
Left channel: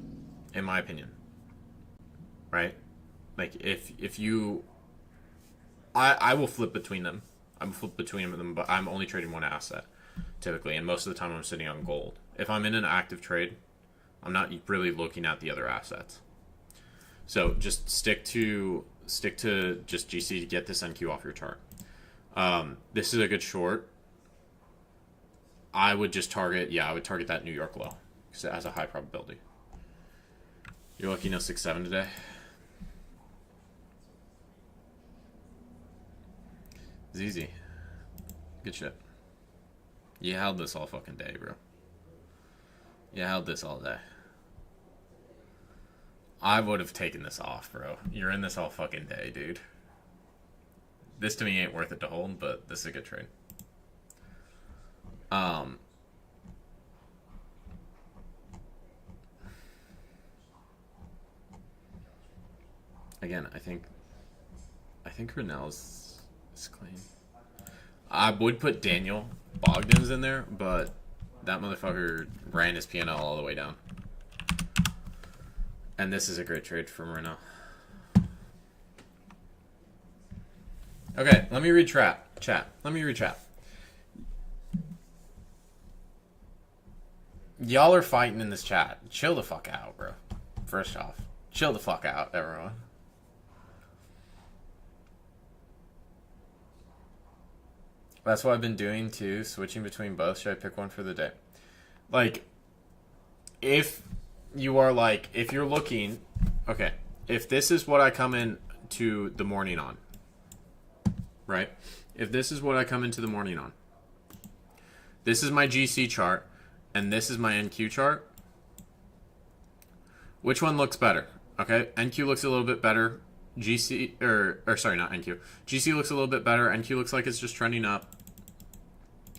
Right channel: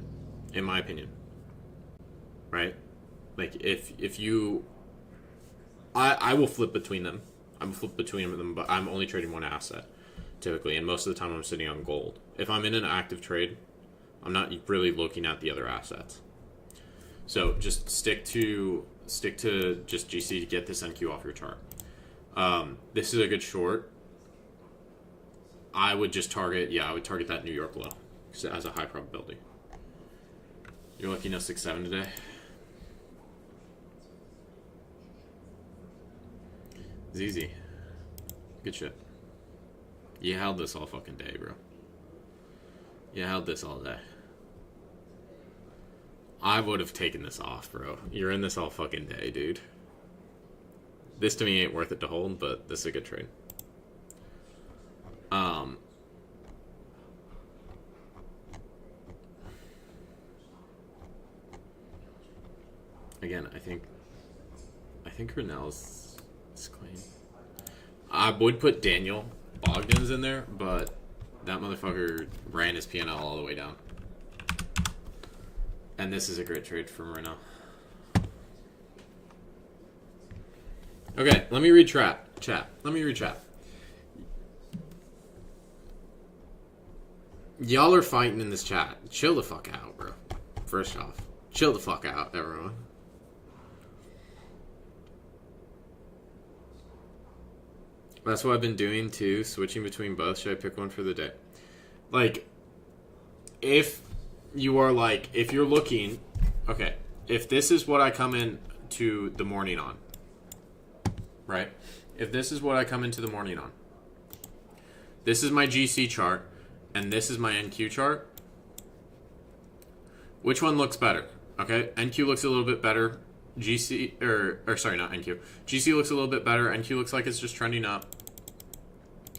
in my opinion. Right? Like if you, I will flip between them. I'm flip between them, but I'm only trading one asset typically, and most of the time I'm sitting on gold. If I'm in an active trade, I'm not really looking at the other assets. So just stick to just GC to get this NQ off your chart. This is a good short. I would just target, I would target that New York low because it has a high probability. You're lucky no 6-7 today. It's easy. Good shit. You held this all fucking day, bro. You held this all day. I would have taken this off, bro. You're in this all fucking day, dude. This to me ain't worth it to hold, but this is a good trade. Again, I think Renell's is clean. I would put Daniel Bogdan's in there, but that motherfucker ran his P&L all the way down. And this is a great trade from Renell. Okay, let me read chat. Let me read chat. Y'all are fighting in this chat. Chill the fuck out, bro. First off, chill the fuck out, everyone. That's what I've been doing too, switching between both. Should I pick one for the day? Like, if you are like, if you're looking, okay, if this is what I come in to the morning on, right? If this is what I come into the morning on, this is my GC chart, and this is my NQ chart. Which one looks better? Okay, NQ looks a little bit better GC or sorry, not NQ. GC looks a little bit better. NQ looks like it's just trending up,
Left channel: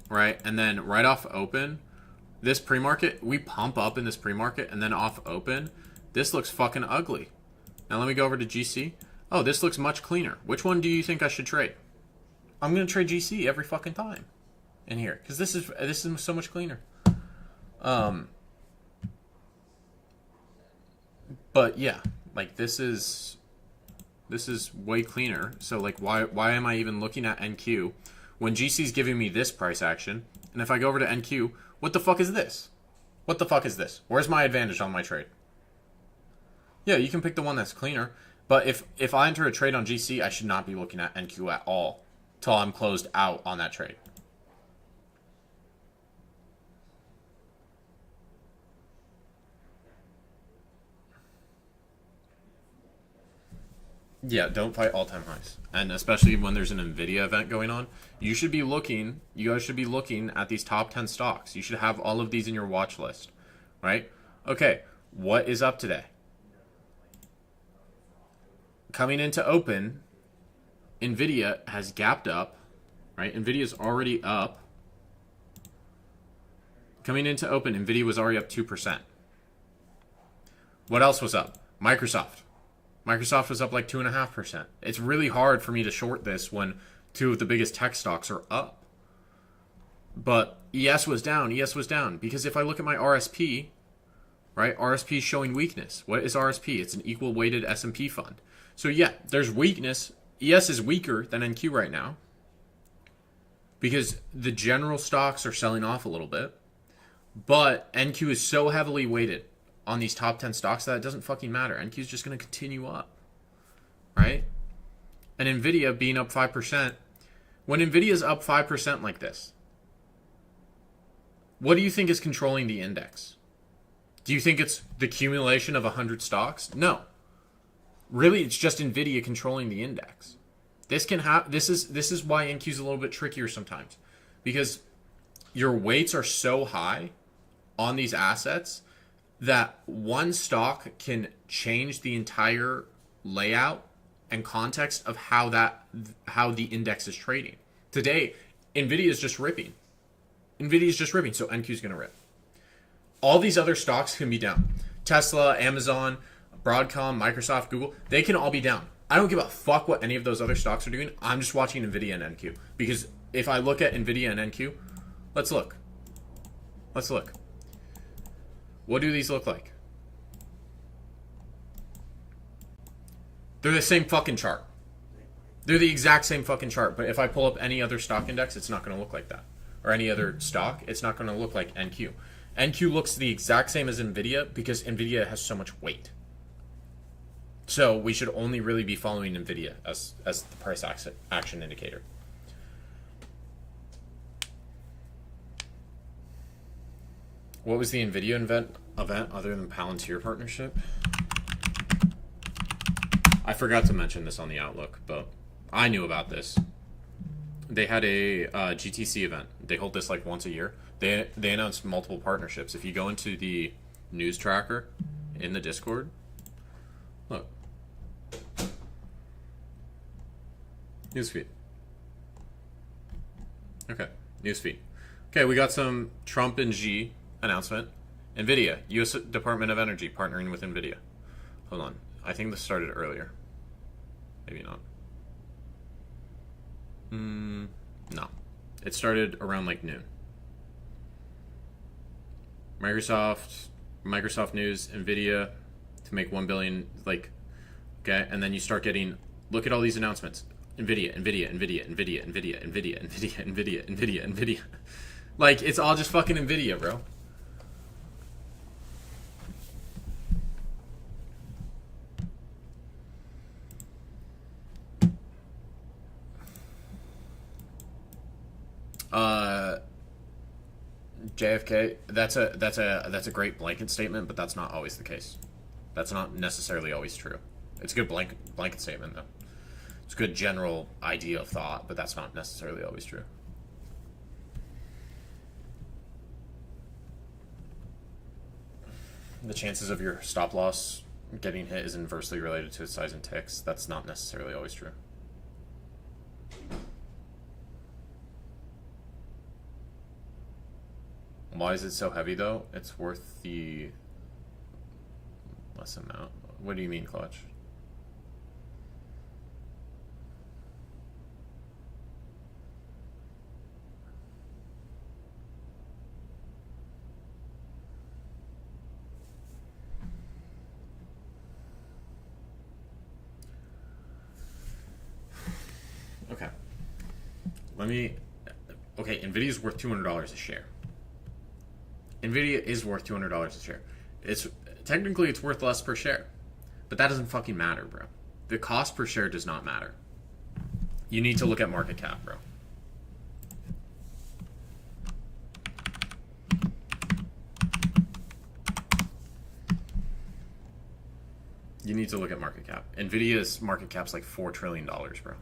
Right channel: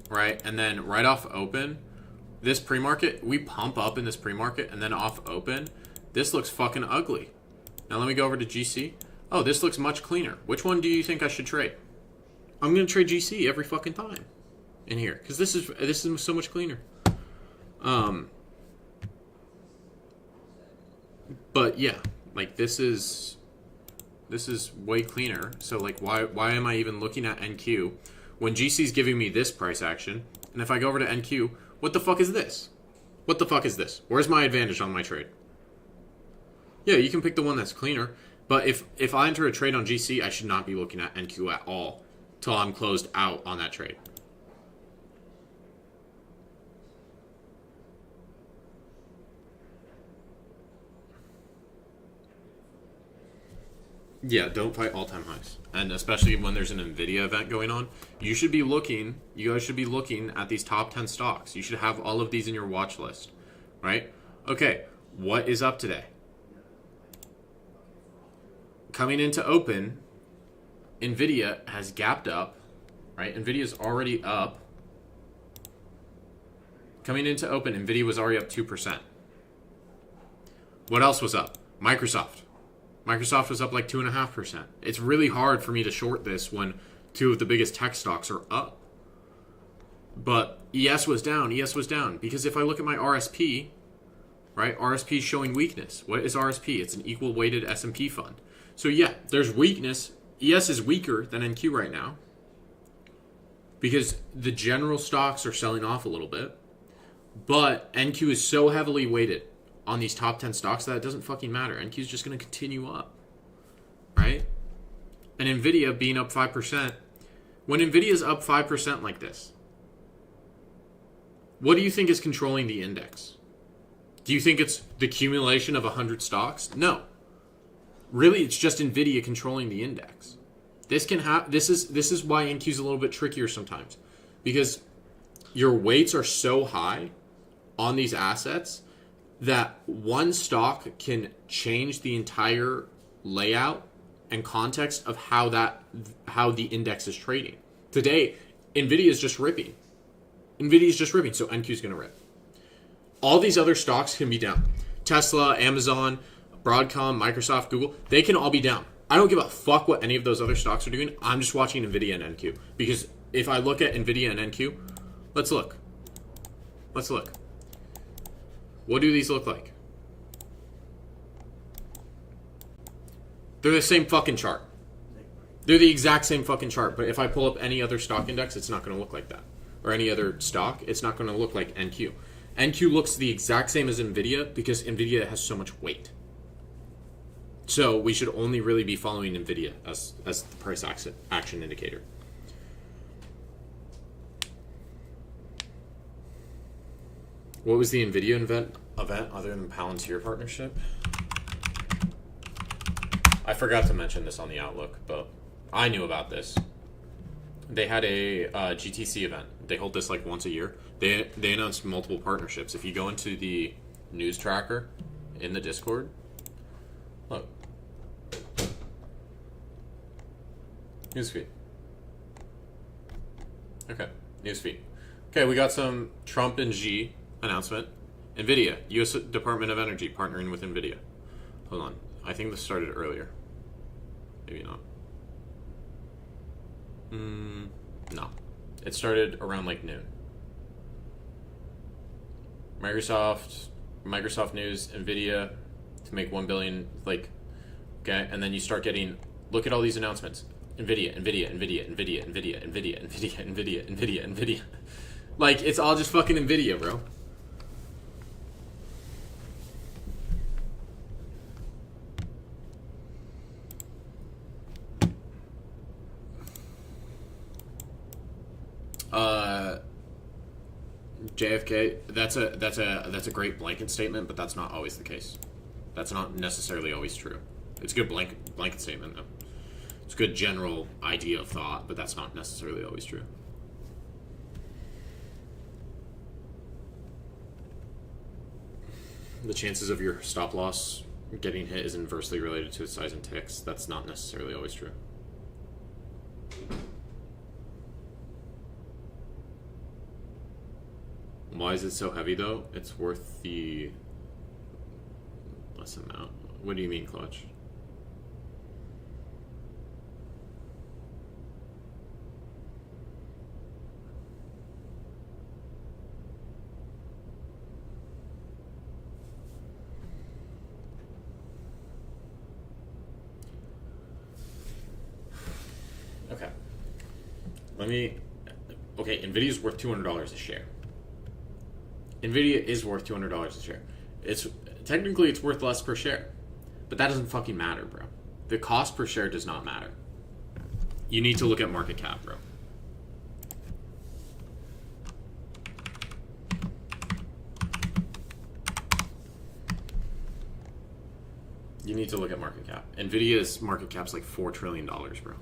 right? And then right off open, this pre-market, we pump up in this pre-market, and then off open, this looks fucking ugly. Now let me go over to GC. Oh, this looks much cleaner. Which one do you think I should trade? I'm gonna trade GC every fucking time in here because this is so much cleaner. But yeah, like this is way cleaner. So like why am I even looking at NQ when GC is giving me this price action? And if I go over to NQ, what the fuck is this? What the fuck is this? Where's my advantage on my trade? Yeah, you can pick the one that's cleaner. But if I enter a trade on GC, I should not be looking at NQ at all till I'm closed out on that trade. Yeah, don't fight all-time highs. And especially when there's an NVIDIA event going on, you guys should be looking at these top 10 stocks. You should have all of these in your watch list, right? Okay, what is up today? Coming into open, NVIDIA has gapped up, right? NVIDIA's already up. Coming into open, NVIDIA was already up 2%. What else was up? Microsoft. Microsoft was up like 2.5%. It's really hard for me to short this when two of the biggest tech stocks are up. But ES was down. ES was down. Because if I look at my RSP, right, RSP is showing weakness. What is RSP? It's an equal weighted S&P fund. So yeah, there's weakness. ES is weaker than NQ right now because the general stocks are selling off a little bit. But NQ is so heavily weighted on these top 10 stocks that it doesn't fucking matter. NQ is just going to continue up, right? And NVIDIA being up 5%. When NVIDIA is up 5% like this, what do you think is controlling the index? Do you think it's the accumulation of 100 stocks? No. Really, it's just NVIDIA controlling the index. This is why NQ is a little bit trickier sometimes, because your weights are so high on these assets that one stock can change the entire layout and context of how the index is trading. Today, NVIDIA is just ripping. NVIDIA is just ripping, so NQ is going to rip. All these other stocks can be down. Tesla, Amazon, Broadcom, Microsoft, Google, they can all be down. I don't give a fuck what any of those other stocks are doing. I'm just watching NVIDIA and NQ. Because if I look at NVIDIA and NQ, let's look. What do these look like? They're the same fucking chart. They're the exact same fucking chart. But if I pull up any other stock index, it's not going to look like that. Or any other stock, it's not going to look like NQ. NQ looks the exact same as NVIDIA because NVIDIA has so much weight. So we should only really be following NVIDIA as the price action indicator. What was the NVIDIA event other than Palantir partnership? I forgot to mention this on the Outlook, but I knew about this. They had a GTC event. They hold this like once a year. They announced multiple partnerships. If you go into the news tracker in the Discord, look. Newsfeed. Okay, newsfeed. Okay, we got some Trump and Xi announcement. NVIDIA, U.S. Department of Energy partnering with NVIDIA. Hold on. I think this started earlier. Maybe not. No. It started around like noon. Microsoft News, NVIDIA to make 1 billion, like, okay, and then you start getting, look at all these announcements. NVIDIA. Like, it's all just fucking NVIDIA, bro. JFK, that's a great blanket statement, but that's not always the case. That's not necessarily always true. It's a good blanket statement, though. It's a good general idea of thought, but that's not necessarily always true. The chances of your stop loss getting hit is inversely related to its size and ticks. That's not necessarily always true. Why is it so heavy though? It's worth the less amount. What do you mean, Clutch? Okay. Okay, Nvidia's worth $200 a share. Nvidia is worth $200 a share. It's technically it's worth less per share, but that doesn't fucking matter, bro. The cost per share does not matter. You need to look at market cap, bro. You need to look at market cap. Nvidia's market cap's like $4 trillion, bro.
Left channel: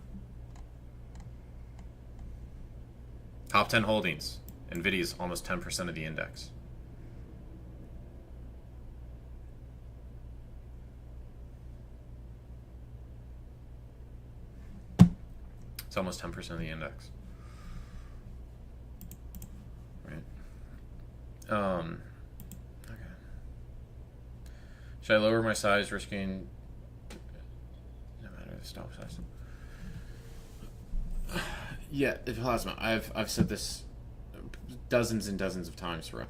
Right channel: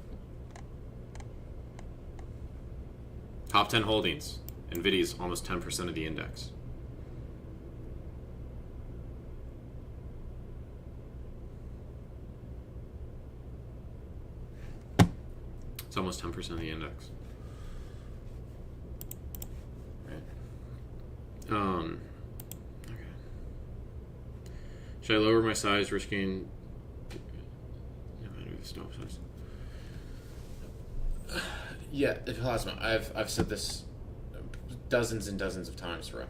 Top 10 holdings. Nvidia's almost 10% of the index. It's almost 10% of the index. Right. Okay. Should I lower my size, risking no matter the stop size? Yeah, the plasma. I've said this dozens and dozens of times, bro.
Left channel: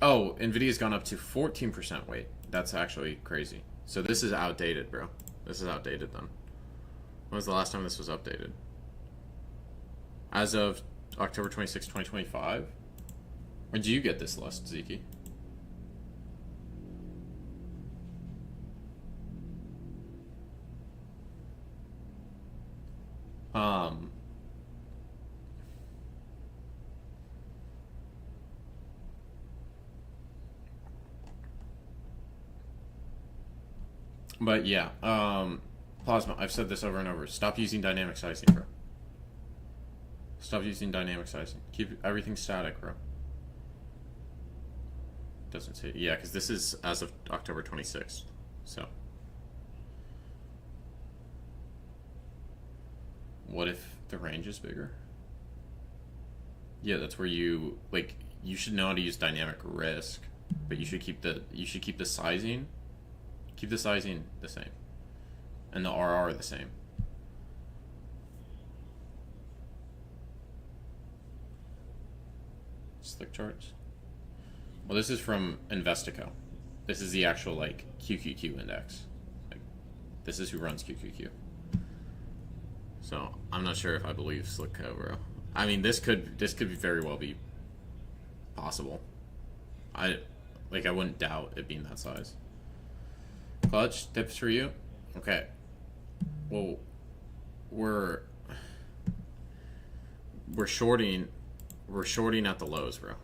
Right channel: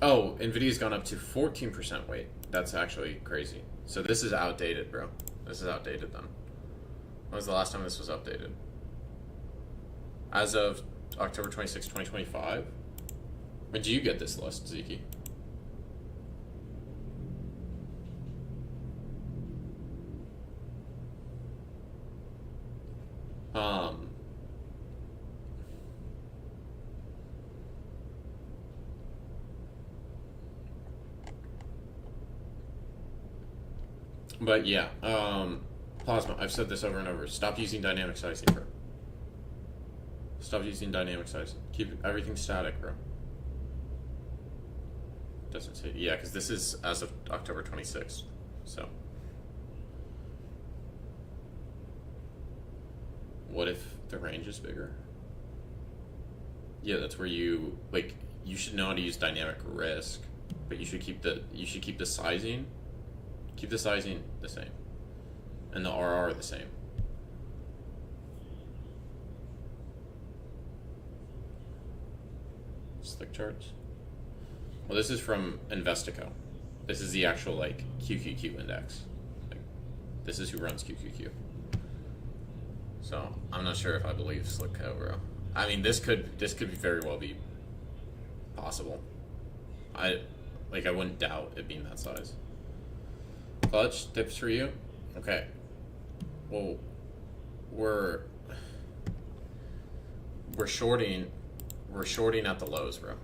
Oh, Nvidia's gone up to 14% weight. That's actually crazy. So this is outdated, bro. This is outdated then. When was the last time this was updated? As of October 26, 2025? When did you get this list, Zeke? But yeah, Plasma, I've said this over and over. Stop using dynamic sizing, bro. Stop using dynamic sizing. Keep everything static, bro. Doesn't say, yeah, because this is as of October 26th, so. What if the range is bigger? Yeah, that's where you, like, you should know how to use dynamic risk, but you should keep the sizing. Keep the sizing the same. And the RR the same. Slick charts. Well, this is from Investico. This is the actual, like, QQQ index. Like, this is who runs QQQ. So, I'm not sure if I believe Slick Cobra. I mean, this could very well be possible. I wouldn't doubt it being that size. Clutch, tips for you? Okay. Well, we're shorting at the lows, bro.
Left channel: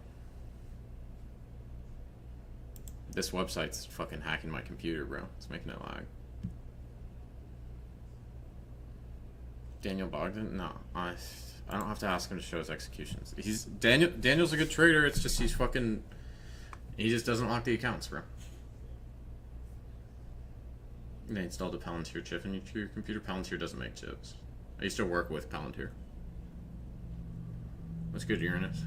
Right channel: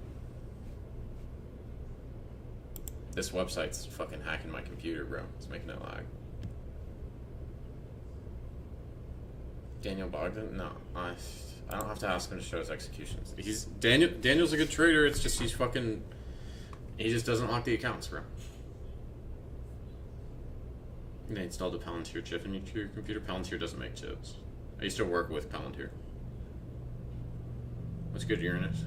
This website's fucking hacking my computer, bro. It's making it lag. Daniel Bogdan? No. I don't have to ask him to show his executions. Daniel's a good trader, it's just he just doesn't lock the accounts, bro. They installed a Palantir chip into your computer. Palantir doesn't make chips. I used to work with Palantir. What's good, Uranus?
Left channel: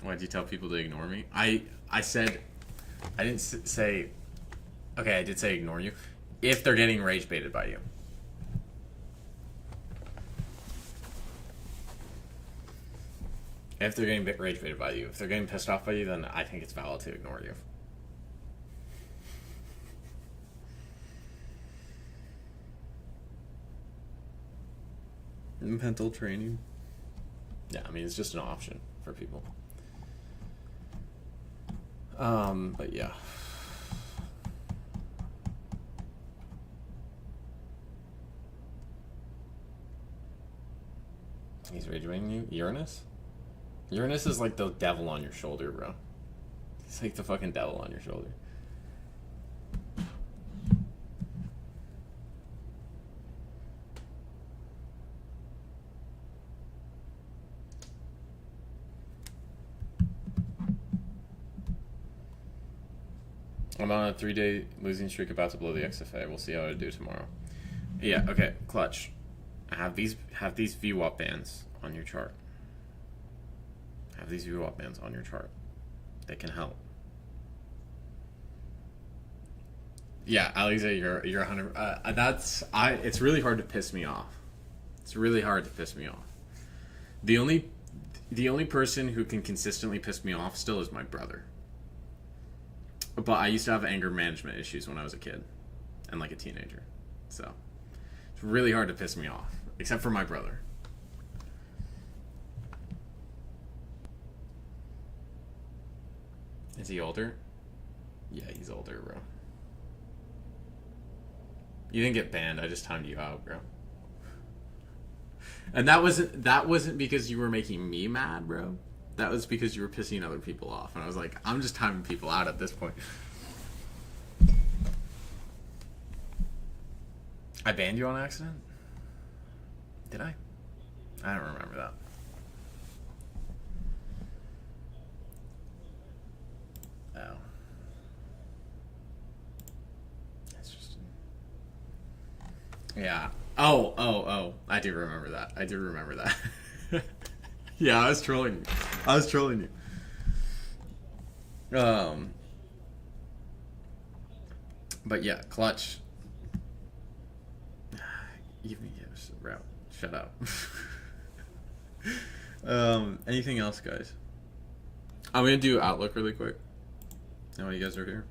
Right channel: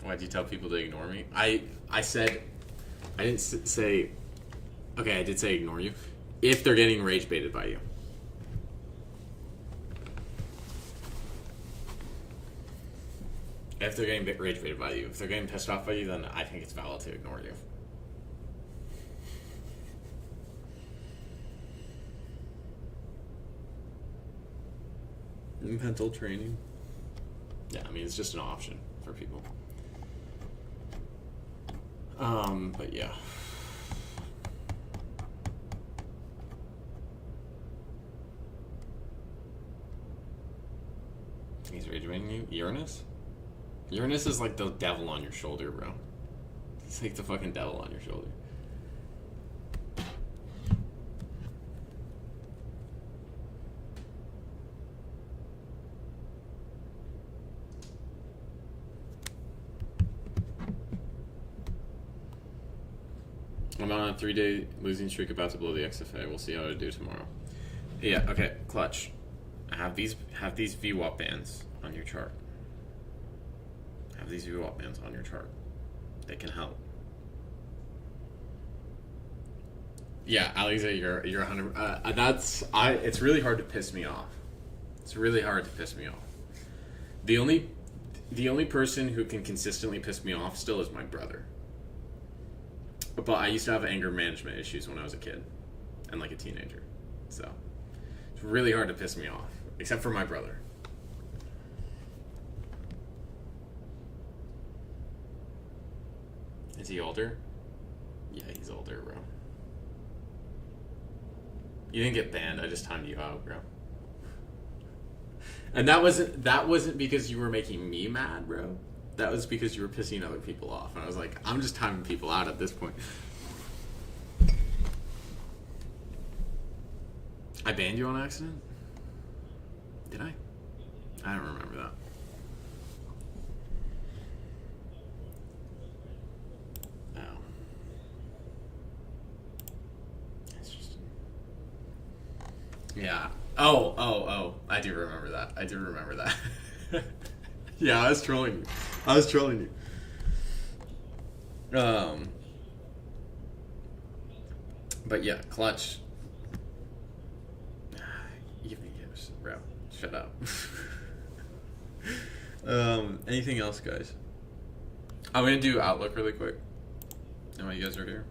Why'd you tell people to ignore me? I said, I didn't say, okay, I did say ignore you. If they're getting rage baited by you. If they're getting rage baited by you. If they're getting pissed off by you, then I think it's valid to ignore you. Mental training. Yeah, I mean, it's just an option for people. But yeah. He's rage baiting you? Uranus? Uranus is like the devil on your shoulder, bro. It's like the fucking devil on your shoulder. I'm on a 3-day losing streak, about to blow the XFA. We'll see how I do tomorrow. Yeah, okay, clutch. Have these VWAP bands on your chart. Have these VWAP bands on your chart. They can help. Yeah, Aliza, you're 100. It's really hard to piss me off. It's really hard to piss me off. The only person who can consistently piss me off still is my brother. But I used to have anger management issues when I was a kid and like a teenager. So it's really hard to piss me off, except for my brother. Is he older? Yeah, he's older, bro. You didn't get banned. I just timed you out, bro. And that wasn't because you were making me mad, bro. That was because you were pissing other people off. And I was like, I'm just timing people out at this point. I banned you on accident? Did I? I don't remember that. Oh. It's just... Yeah. Oh. I do remember that. Yeah, I was trolling you. But yeah, clutch. Evening gifts, bro. Shut up. Anything else, guys? I'm gonna do Outlook really quick. And while you guys are here.